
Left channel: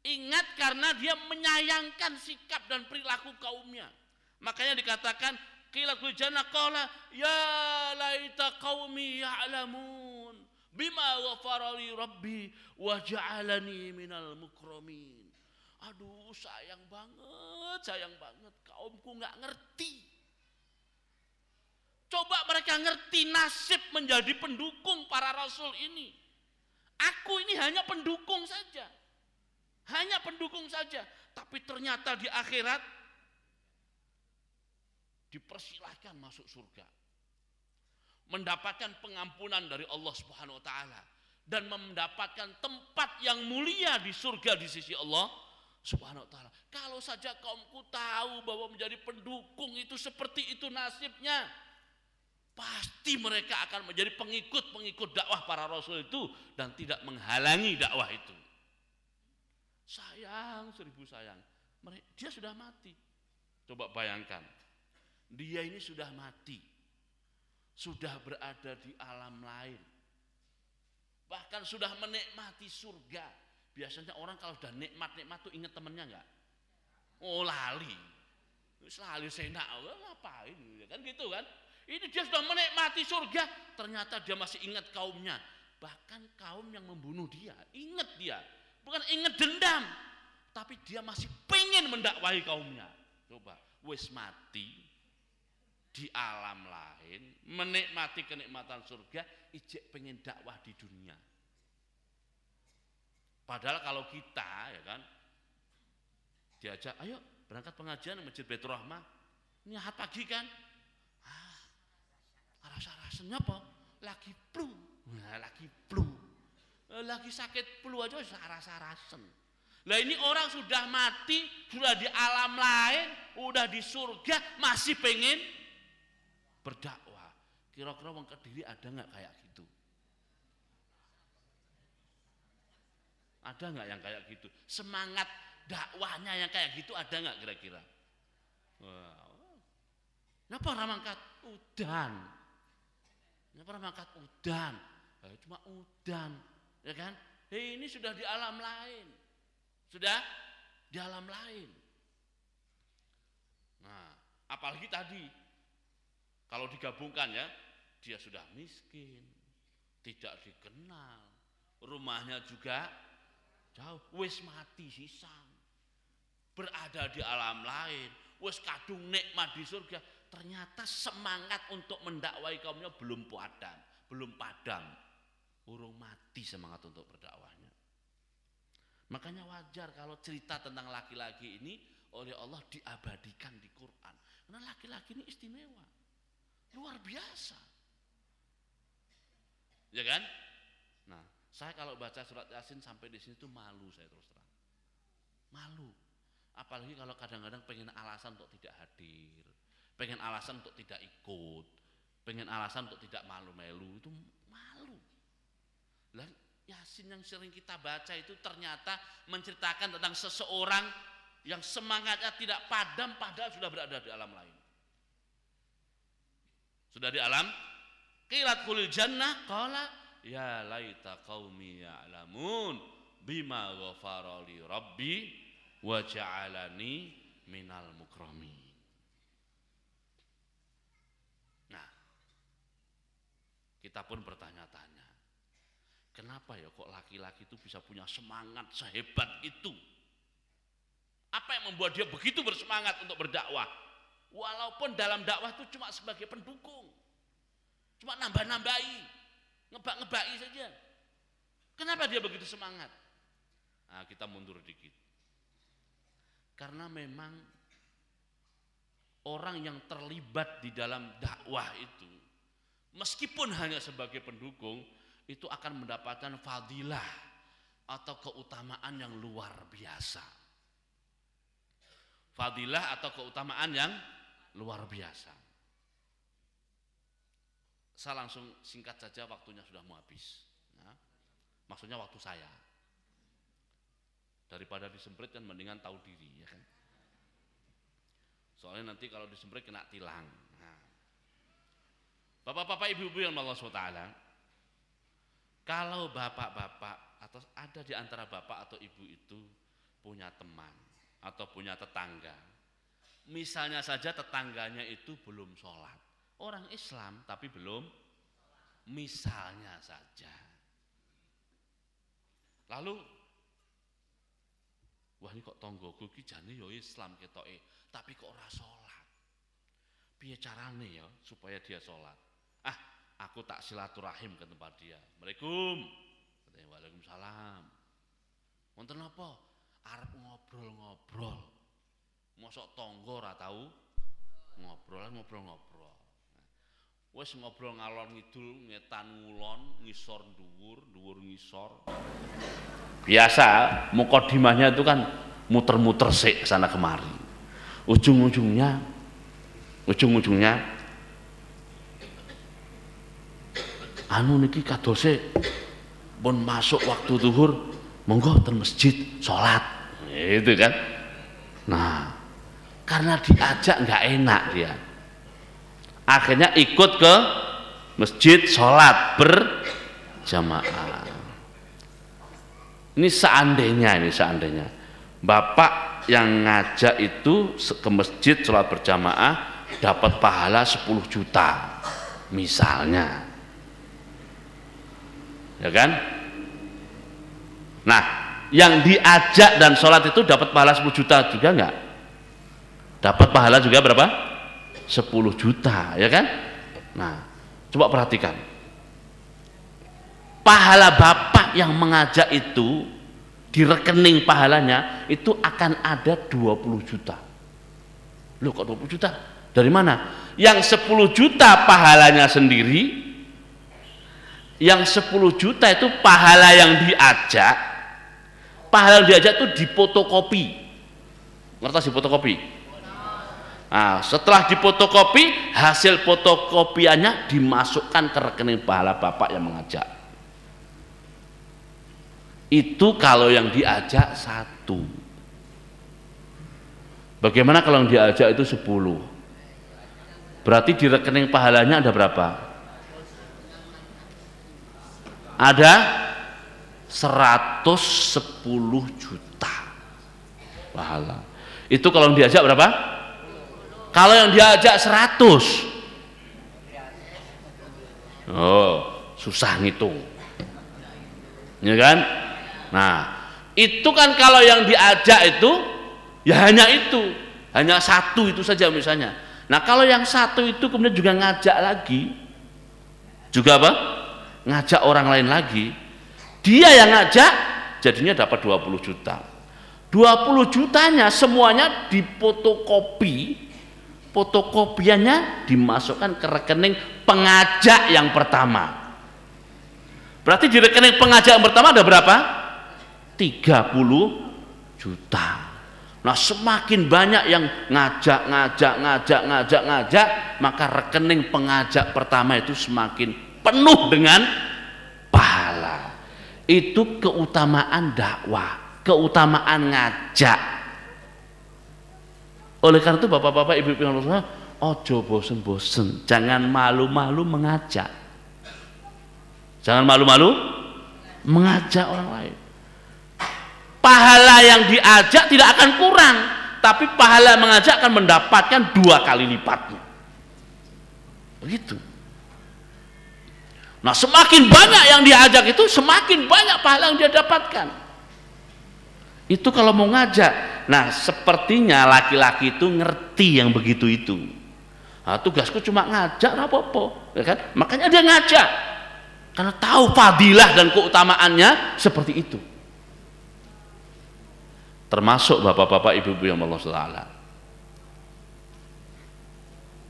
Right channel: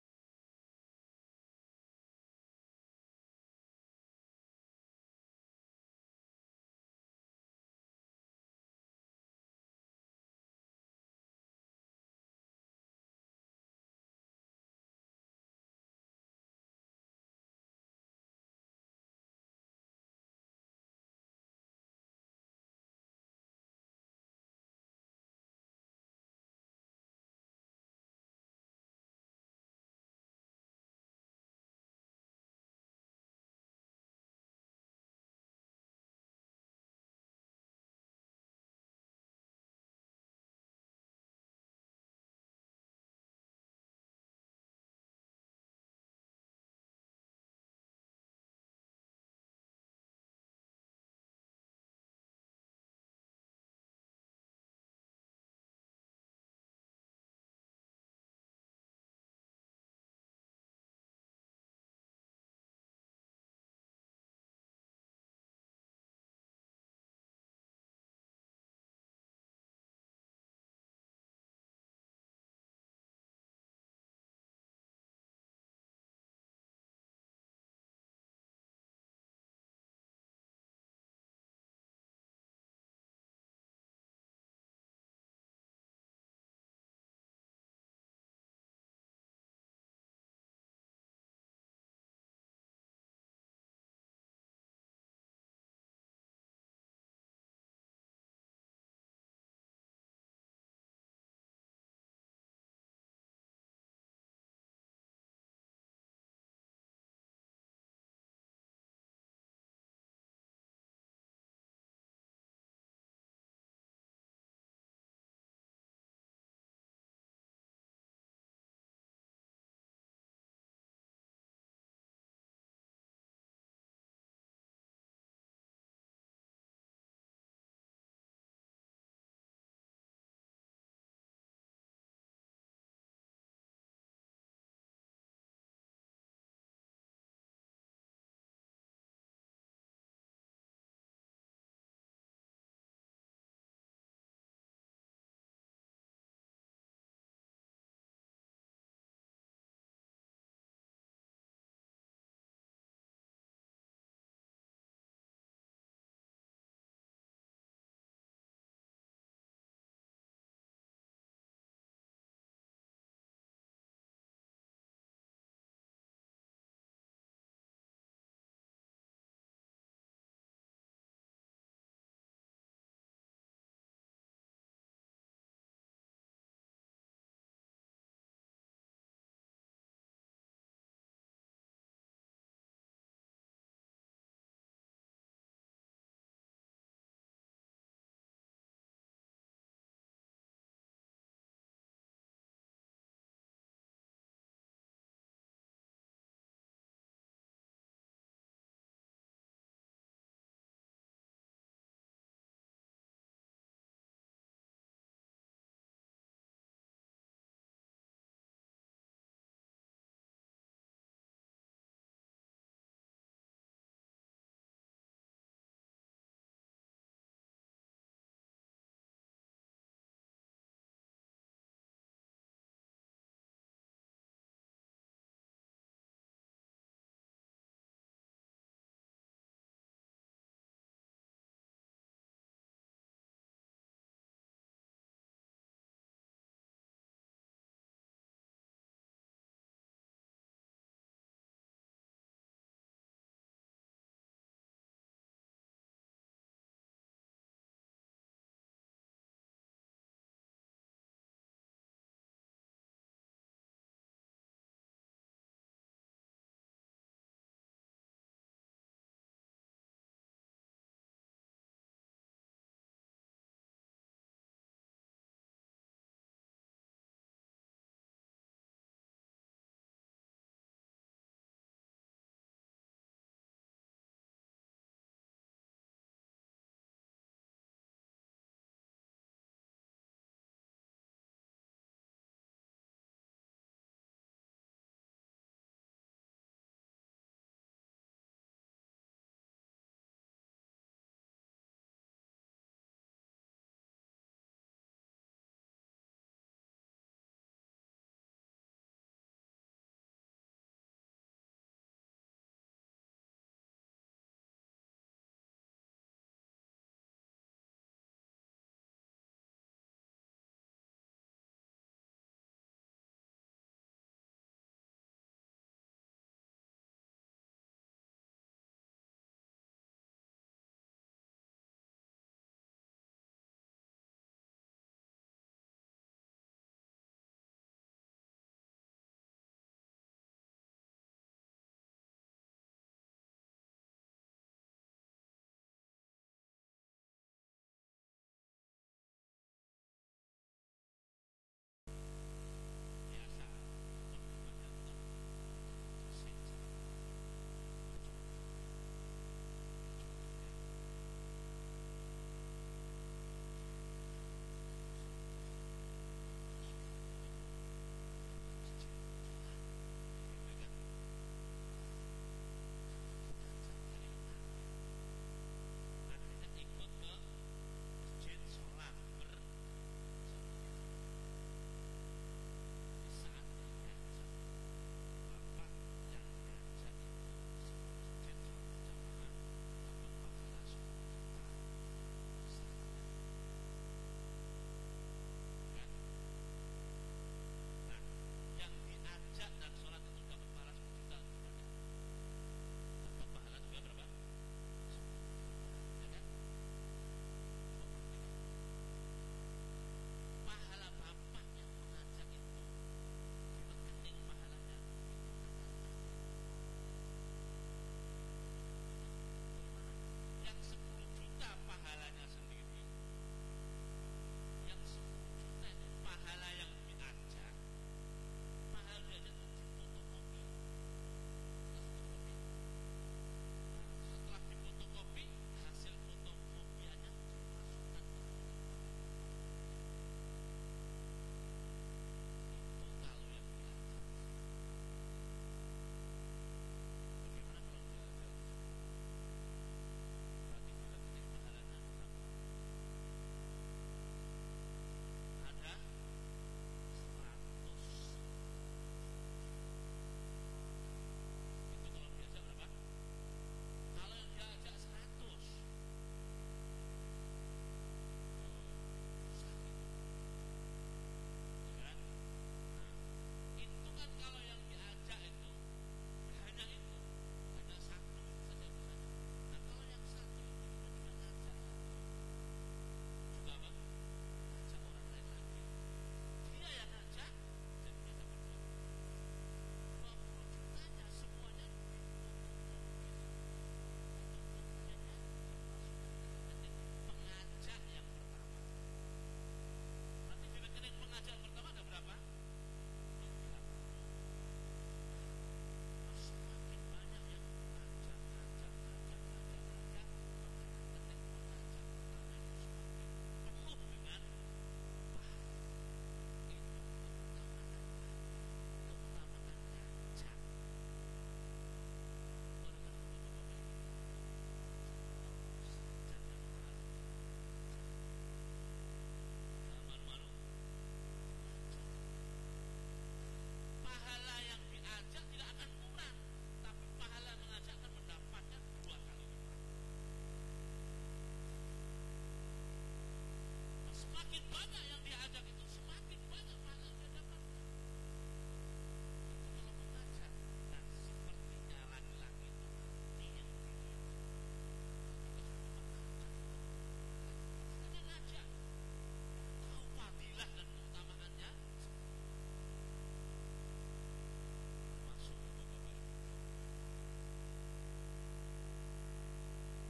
Ingat karena dia menyayangkan sikap dan perilaku kaumnya. Makanya dikatakan qila khulil jannah qala ya laita qaumi ya'lamun bima ghafara li rabbi wa ja'alani minal mukramin. Aduh, sayang banget kaumku nggak ngerti. Coba mereka ngerti nasib menjadi pendukung para rasul ini. Aku ini hanya pendukung saja. Tapi ternyata di akhirat dipersilahkan masuk surga. Mendapatkan pengampunan dari Allah Subhanahu wa taala dan mendapatkan tempat yang mulia di surga di sisi Allah Subhanahu wa taala. Kalau saja kaumku tahu bahwa menjadi pendukung itu seperti itu nasibnya, pasti mereka akan menjadi pengikut dakwah para rasul itu dan tidak menghalangi dakwah itu. Sayang, seribu sayang, dia sudah mati. Coba bayangkan, dia ini sudah mati, sudah berada di alam lain, bahkan sudah menikmati surga. Biasanya orang kalau sudah nikmat tuh ingat temennya enggak? Oh, lali senak, ngapain kan gitu kan. Ini dia sudah menikmati surga, ternyata dia masih ingat kaumnya. Bahkan kaum yang membunuh dia, ingat dia. Bukan ingat dendam, tapi dia masih pengen mendakwahi kaumnya. Coba, wis mati di alam lain, menikmati kenikmatan surga, ijek pengen dakwah di dunia. Padahal kalau kita, ya kan, diajak, ayo berangkat pengajian Masjid Baitur Rahmah, ini ahad pagi kan, rasa-rasanya apa? Lagi flu, lagi sakit flu aja rasa-rasen. Lah ini orang sudah mati, sudah di alam lain, udah di surga, masih pengen berdakwah. Kira-kira wong Kediri ada nggak kayak gitu? Ada nggak yang kayak gitu? Semangat dakwahnya yang kayak gitu ada nggak kira-kira? Napa ramangkat udan? Napa ramangkat udan? Cuma udan, ya kan? Ini sudah di alam lain, sudah di alam lain. Nah, apalagi tadi kalau digabungkan ya, dia sudah miskin, tidak dikenal, rumahnya juga jauh, wis mati sisan, berada di alam lain, wis kadung nikmat di surga, ternyata semangat untuk mendakwai kaumnya belum padam, urung mati semangat untuk berdakwahnya. Makanya wajar kalau cerita tentang laki-laki ini oleh Allah diabadikan di Quran. Karena laki-laki ini istimewa, luar biasa, ya kan? Nah, saya kalau baca surat Yasin sampai di sini tuh malu, saya terus terang, malu. Apalagi kalau kadang-kadang pengen alasan untuk tidak hadir, pengen alasan untuk tidak ikut, pengen alasan untuk tidak malu-malu, itu malu. Lah, Yasin yang sering kita baca itu ternyata menceritakan tentang seseorang yang semangatnya tidak padam padahal sudah berada di alam lain. Sudah di alam, qilat khulil jannah qala ya laita qaumi ya'lamun bima ghafara li rabbi wa ja'alani minal mukramin. Nah, kita pun bertanya-tanya, kenapa ya kok laki-laki itu bisa punya semangat sehebat itu? Apa yang membuat dia begitu bersemangat untuk berdakwah? Walaupun dalam dakwah itu cuma sebagai pendukung, cuma nambah-nambahi, ngebak-ngebaki saja. Kenapa dia begitu semangat? Nah, kita mundur dikit. Karena memang orang yang terlibat di dalam dakwah itu, meskipun hanya sebagai pendukung, itu akan mendapatkan fadilah atau keutamaan yang luar biasa. Fadilah atau keutamaan yang luar biasa. Saya langsung singkat saja, waktunya sudah mau habis. Nah, maksudnya waktu saya. Daripada disemprit kan mendingan tahu diri, ya kan? Soalnya nanti kalau disemprit kena tilang. Nah, bapak-bapak, ibu-ibu yang Allah SWT, kalau bapak-bapak atau ada di antara bapak atau ibu itu punya teman atau punya tetangga, misalnya saja tetangganya itu belum sholat, orang Islam tapi belum, misalnya saja, lalu wah ini kok tonggoku ki jane yo Islam ketoke, tapi kok ora sholat. Piye carane ya supaya dia sholat? Ah, aku tak silaturahim ke tempat dia. Assalamualaikum. Katanya waalaikumsalam. Wonten apa? Arep ngobrol-ngobrol. Mosok tonggo ora tau ngobrol. Wis ngobrol ngalor ngidul, ngetan ngulon, ngisor dhuwur, dhuwur ngisor. Biasa mukadimahnya itu kan muter-muter sik sana kemari. Ujung-ujungnya anu niki kadose pun masuk waktu zuhur, monggo ten masjid salat. Itu kan. Nah, karena diajak nggak enak dia. Akhirnya ikut ke masjid salat berjamaah. Ini seandainya bapak yang ngajak itu ke masjid sholat berjamaah dapat pahala 10 juta misalnya, ya kan? Nah, yang diajak dan sholat itu dapat pahala 10 juta juga enggak? Dapat pahala juga berapa? 10 juta, ya kan? Nah, coba perhatikan, pahala bapak yang mengajak itu di rekening pahalanya itu akan ada 20 juta. Loh kok 20 juta? Dari mana? Yang 10 juta pahalanya sendiri, yang 10 juta itu pahala yang diajak. Pahala yang diajak itu dipotokopi. Ngerti dipotokopi? Nah, setelah dipotokopi, hasil fotokopiannya dimasukkan ke rekening pahala bapak yang mengajak. Itu kalau yang diajak 1. Bagaimana kalau yang diajak itu 10? Berarti di rekening pahalanya ada berapa? Ada 110 juta pahala. Itu kalau yang diajak berapa? Kalau yang diajak 100, oh susah ngitung, ya kan? Nah, itu kan kalau yang diajak itu ya hanya itu, hanya 1 itu saja misalnya. Nah, kalau yang 1 itu kemudian juga ngajak lagi, juga apa? Ngajak orang lain lagi, dia yang ngajak jadinya dapat 20 juta. 20 jutanya semuanya difotokopi, fotokopiannya dimasukkan ke rekening pengajak yang pertama. Berarti di rekening pengajak yang pertama ada berapa? 30 juta. Nah, semakin banyak yang ngajak, maka rekening pengajak pertama itu semakin penuh dengan pahala. Itu keutamaan dakwah, keutamaan ngajak. Oleh karena itu bapak-bapak, ibu-ibu yang Allah, ojo bosen-bosen, jangan malu-malu mengajak. Jangan malu-malu mengajak orang lain. Pahala yang diajak tidak akan kurang, tapi pahala mengajak akan mendapatkan 2 kali lipatnya. Begitu. Nah, semakin banyak yang diajak itu, semakin banyak pahala yang dia dapatkan. Itu kalau mau ngajak. Nah, sepertinya laki-laki itu ngerti yang begitu itu. Nah, tugasku cuma ngajak, apa-apa, ya kan? Makanya dia ngajak, karena tahu fadilah dan keutamaannya seperti itu. Termasuk bapak-bapak, ibu-ibu yang Allah Ta'ala.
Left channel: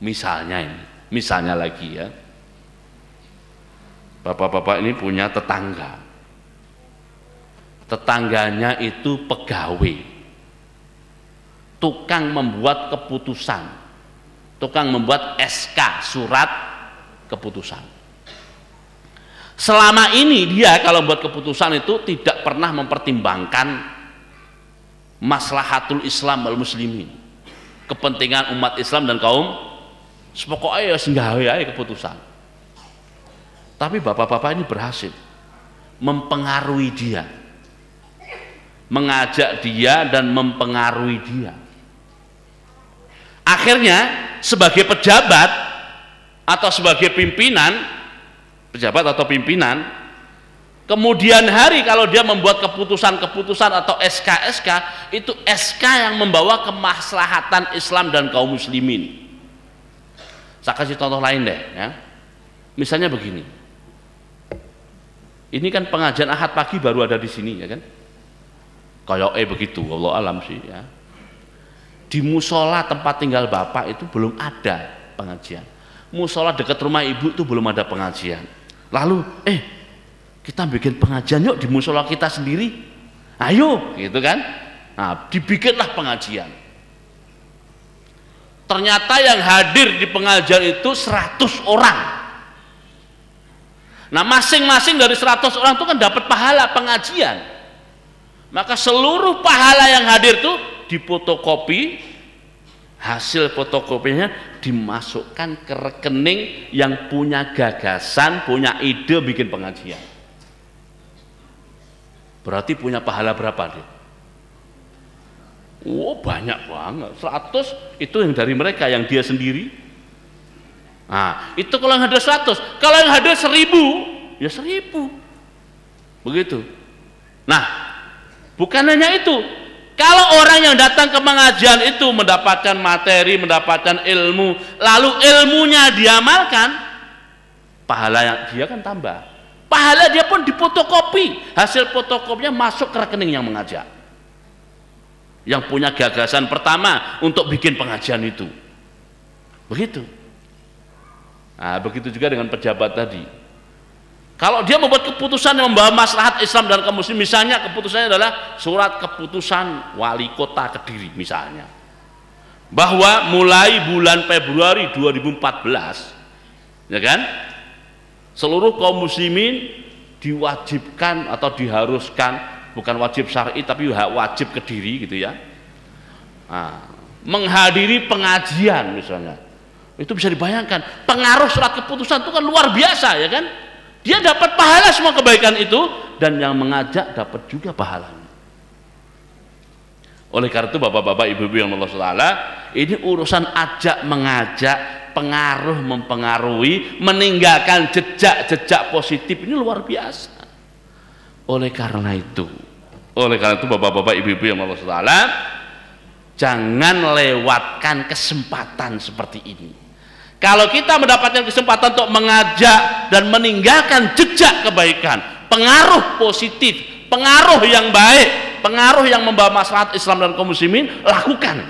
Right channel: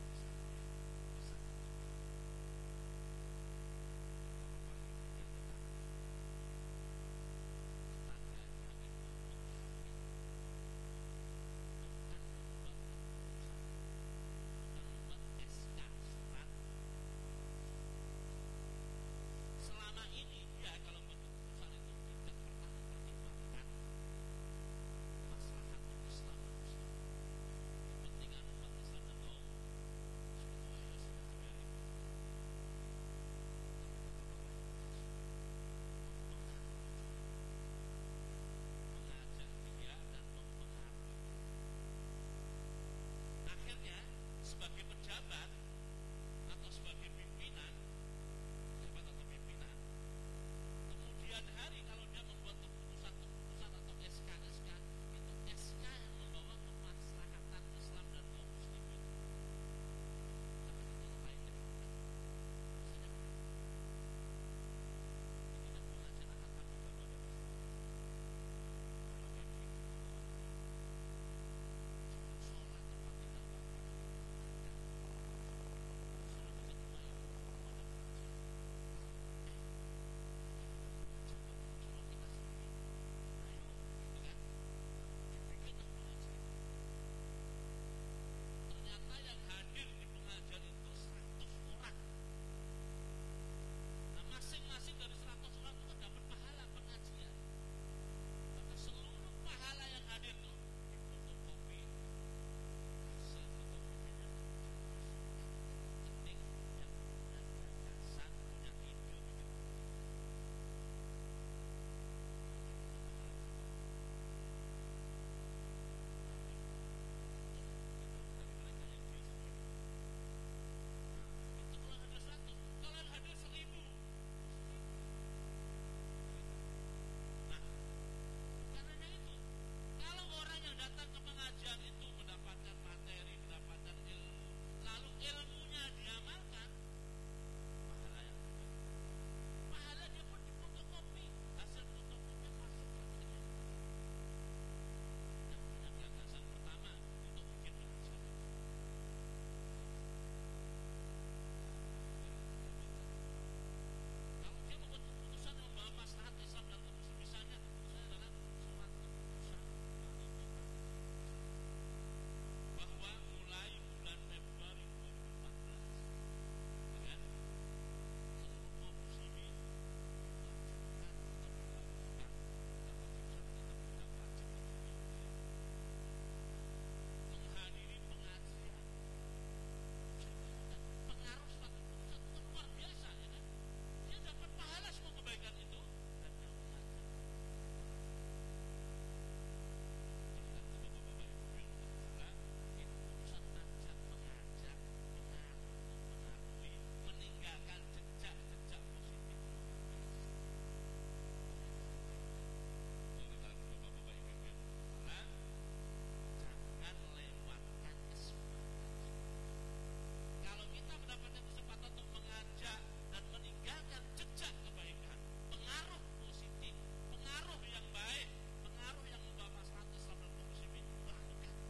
Misalnya ini, misalnya lagi ya, bapak-bapak ini punya tetangga. Tetangganya itu pegawai, tukang membuat keputusan, tukang membuat SK, surat keputusan. Selama ini dia kalau membuat keputusan itu tidak pernah mempertimbangkan maslahatul Islam wal muslimin, kepentingan umat Islam dan kaum, sepokoknya ya senggawe aja keputusan. Tapi bapak-bapak ini berhasil mempengaruhi dia, mengajak dia dan mempengaruhi dia. Akhirnya sebagai pejabat atau sebagai pimpinan, pejabat atau pimpinan, kemudian hari kalau dia membuat keputusan-keputusan atau SK-SK, itu SK yang membawa kemaslahatan Islam dan kaum muslimin. Saya kasih contoh lain deh ya. Misalnya begini. Ini kan pengajian Ahad pagi baru ada di sini ya kan. Kayak begitu, Allah alam sih ya. Di musola tempat tinggal bapak itu belum ada pengajian. Musola dekat rumah ibu itu belum ada pengajian. Lalu kita bikin pengajian yuk di musola kita sendiri. Ayo gitu kan. Nah, dibikinlah pengajian. Ternyata yang hadir di pengajian itu 100 orang. Nah, masing-masing dari 100 orang itu kan dapat pahala pengajian. Maka seluruh pahala yang hadir itu difotokopi, hasil fotokopinya dimasukkan ke rekening yang punya gagasan, punya ide bikin pengajian. Berarti punya pahala berapa dia? Oh, banyak banget. 100 itu yang dari mereka, yang dia sendiri. Nah, itu kalau yang hadir 100. Kalau yang hadir 1000, ya 1000. Begitu. Nah, bukan hanya itu. Kalau orang yang datang ke pengajian itu mendapatkan materi, mendapatkan ilmu, lalu ilmunya diamalkan, pahala yang dia kan tambah. Pahala dia pun difotokopi, hasil fotokopinya masuk ke rekening yang mengajak, yang punya gagasan pertama untuk bikin pengajian itu. Begitu. Nah, begitu juga dengan pejabat tadi. Kalau dia membuat keputusan yang membawa maslahat Islam dan kaum muslim, misalnya keputusannya adalah surat keputusan wali kota Kediri misalnya, bahwa mulai bulan Februari 2014 ya kan, seluruh kaum muslimin diwajibkan atau diharuskan, bukan wajib syar'i tapi wajib Kediri gitu ya, menghadiri pengajian misalnya. Itu bisa dibayangkan pengaruh surat keputusan itu kan luar biasa ya kan. Dia dapat pahala semua kebaikan itu, dan yang mengajak dapat juga pahalanya. Oleh karena itu bapak-bapak, ibu-ibu yang Allah Ta'ala, ini urusan ajak mengajak, pengaruh mempengaruhi, meninggalkan jejak-jejak positif, ini luar biasa. Oleh karena itu bapak-bapak, ibu-ibu yang Allah Ta'ala, jangan lewatkan kesempatan seperti ini. Kalau kita mendapatkan kesempatan untuk mengajak dan meninggalkan jejak kebaikan, pengaruh positif, pengaruh yang baik, pengaruh yang membawa maslahat Islam dan kaum muslimin, lakukan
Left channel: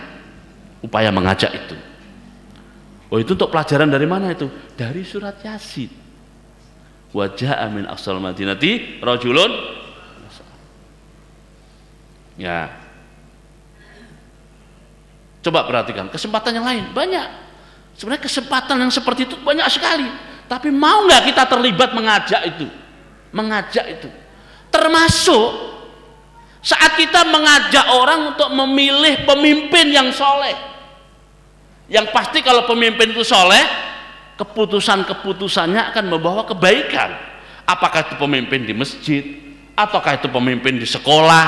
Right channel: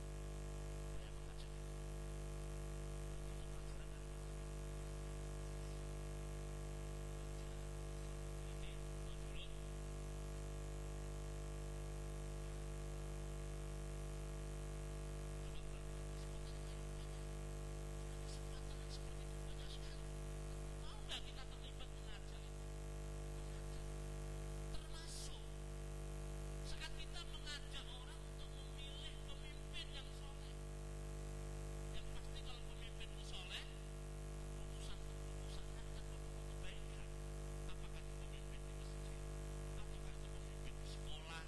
upaya mengajak itu. Oh, itu untuk pelajaran dari mana itu? Dari surat Yasin. Wa jaa'a min aqsal madinati rajulun. Ya. Coba perhatikan kesempatan yang lain banyak. Sebenarnya kesempatan yang seperti itu banyak sekali. Tapi mau nggak kita terlibat mengajak itu? Mengajak itu. Termasuk saat kita mengajak orang untuk memilih pemimpin yang soleh. Yang pasti kalau pemimpin itu soleh, keputusan-keputusannya akan membawa kebaikan. Apakah itu pemimpin di masjid, ataukah itu pemimpin di sekolah,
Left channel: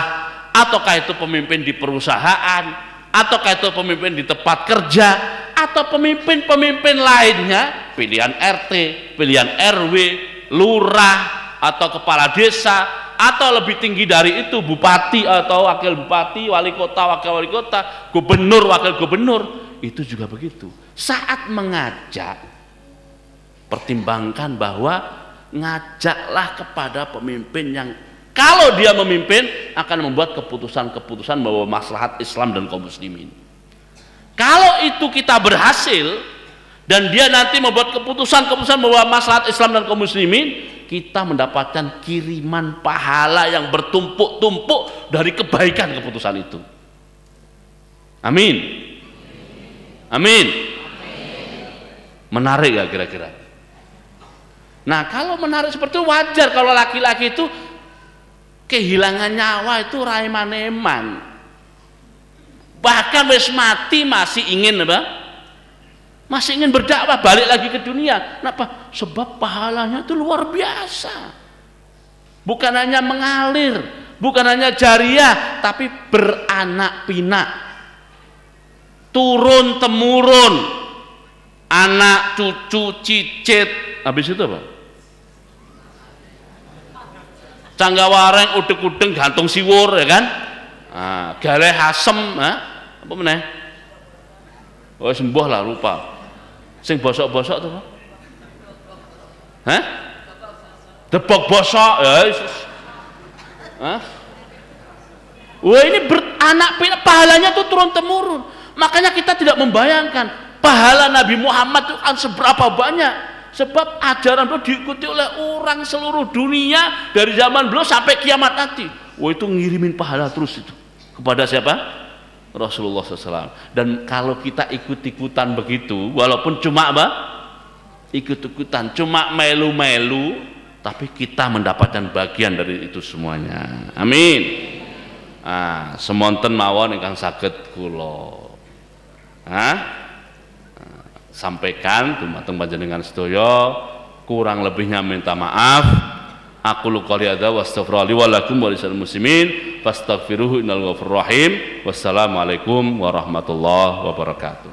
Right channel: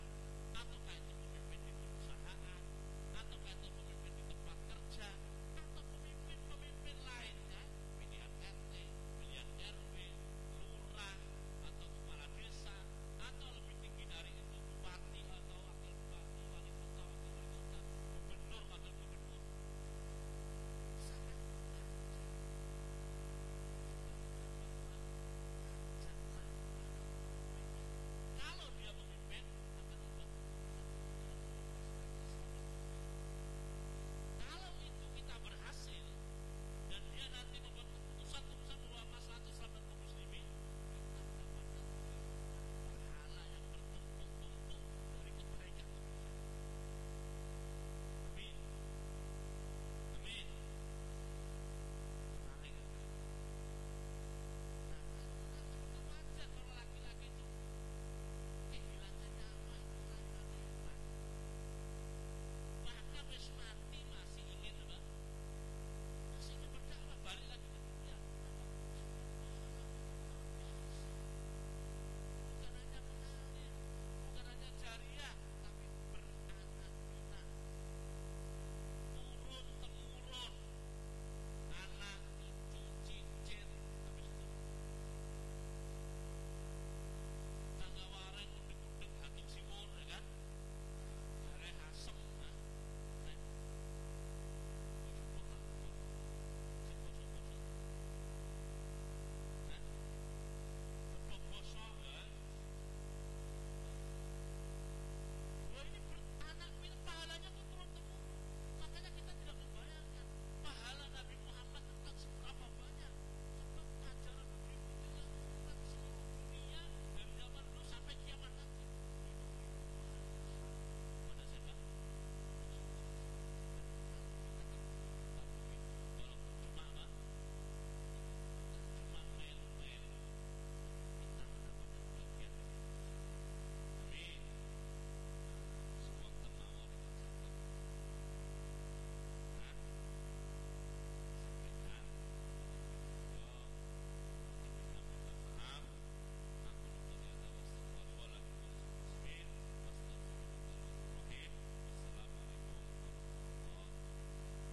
ataukah itu pemimpin di perusahaan, ataukah itu pemimpin di tempat kerja, atau pemimpin-pemimpin lainnya, pilihan RT, pilihan RW, lurah atau kepala desa, atau lebih tinggi dari itu bupati atau wakil bupati, wali kota, wakil wali kota, gubernur, wakil gubernur, itu juga begitu. Saat mengajak, pertimbangkan bahwa ngajaklah kepada pemimpin yang kalau dia memimpin akan membuat keputusan-keputusan bahwa maslahat Islam dan kaum muslimin. Kalau itu kita berhasil dan dia nanti membuat keputusan-keputusan bahwa maslahat Islam dan kaum muslimin, kita mendapatkan kiriman pahala yang bertumpuk-tumpuk dari kebaikan keputusan itu. Amin. Amin. Menarik ya kira-kira. Nah, kalau menarik seperti itu wajar kalau laki-laki itu kehilangan nyawa itu raimaneman. Bahkan wis mati masih ingin apa? Masih ingin berdakwah, balik lagi ke dunia. Kenapa? Sebab pahalanya itu luar biasa. Bukan hanya mengalir, bukan hanya jariah, tapi beranak pinak. Turun temurun. Anak, cucu, cicit. Habis itu apa? Canggawareng, udeg-udeg, gantung siwur, ya kan? Nah, galeh asem, apa meneh? Oh, sembuh lah, lupa. Sing bosok-bosok tuh, hah? Debok bosok, ya. Hah? Wah, ini beranak pinak, pahalanya tuh turun temurun. Makanya kita tidak membayangkan pahala Nabi Muhammad itu kan seberapa banyak. Sebab ajaran beliau diikuti oleh orang seluruh dunia dari zaman beliau sampai kiamat nanti. Wah, itu ngirimin pahala terus itu kepada siapa? Rasulullah SAW. Dan kalau kita ikut-ikutan begitu, walaupun cuma apa? Ikut-ikutan, cuma melu-melu, tapi kita mendapatkan bagian dari itu semuanya. Amin. Semonten mawon ingkang saged kula sampaikan dumateng panjenengan sedaya, kurang lebihnya minta maaf. Aku qouli hadza wa astaghfirullahi wa lakum wa lisal muslimin fastaghfiruhu innal ghafurur rahim. Wassalamualaikum warahmatullahi wabarakatuh.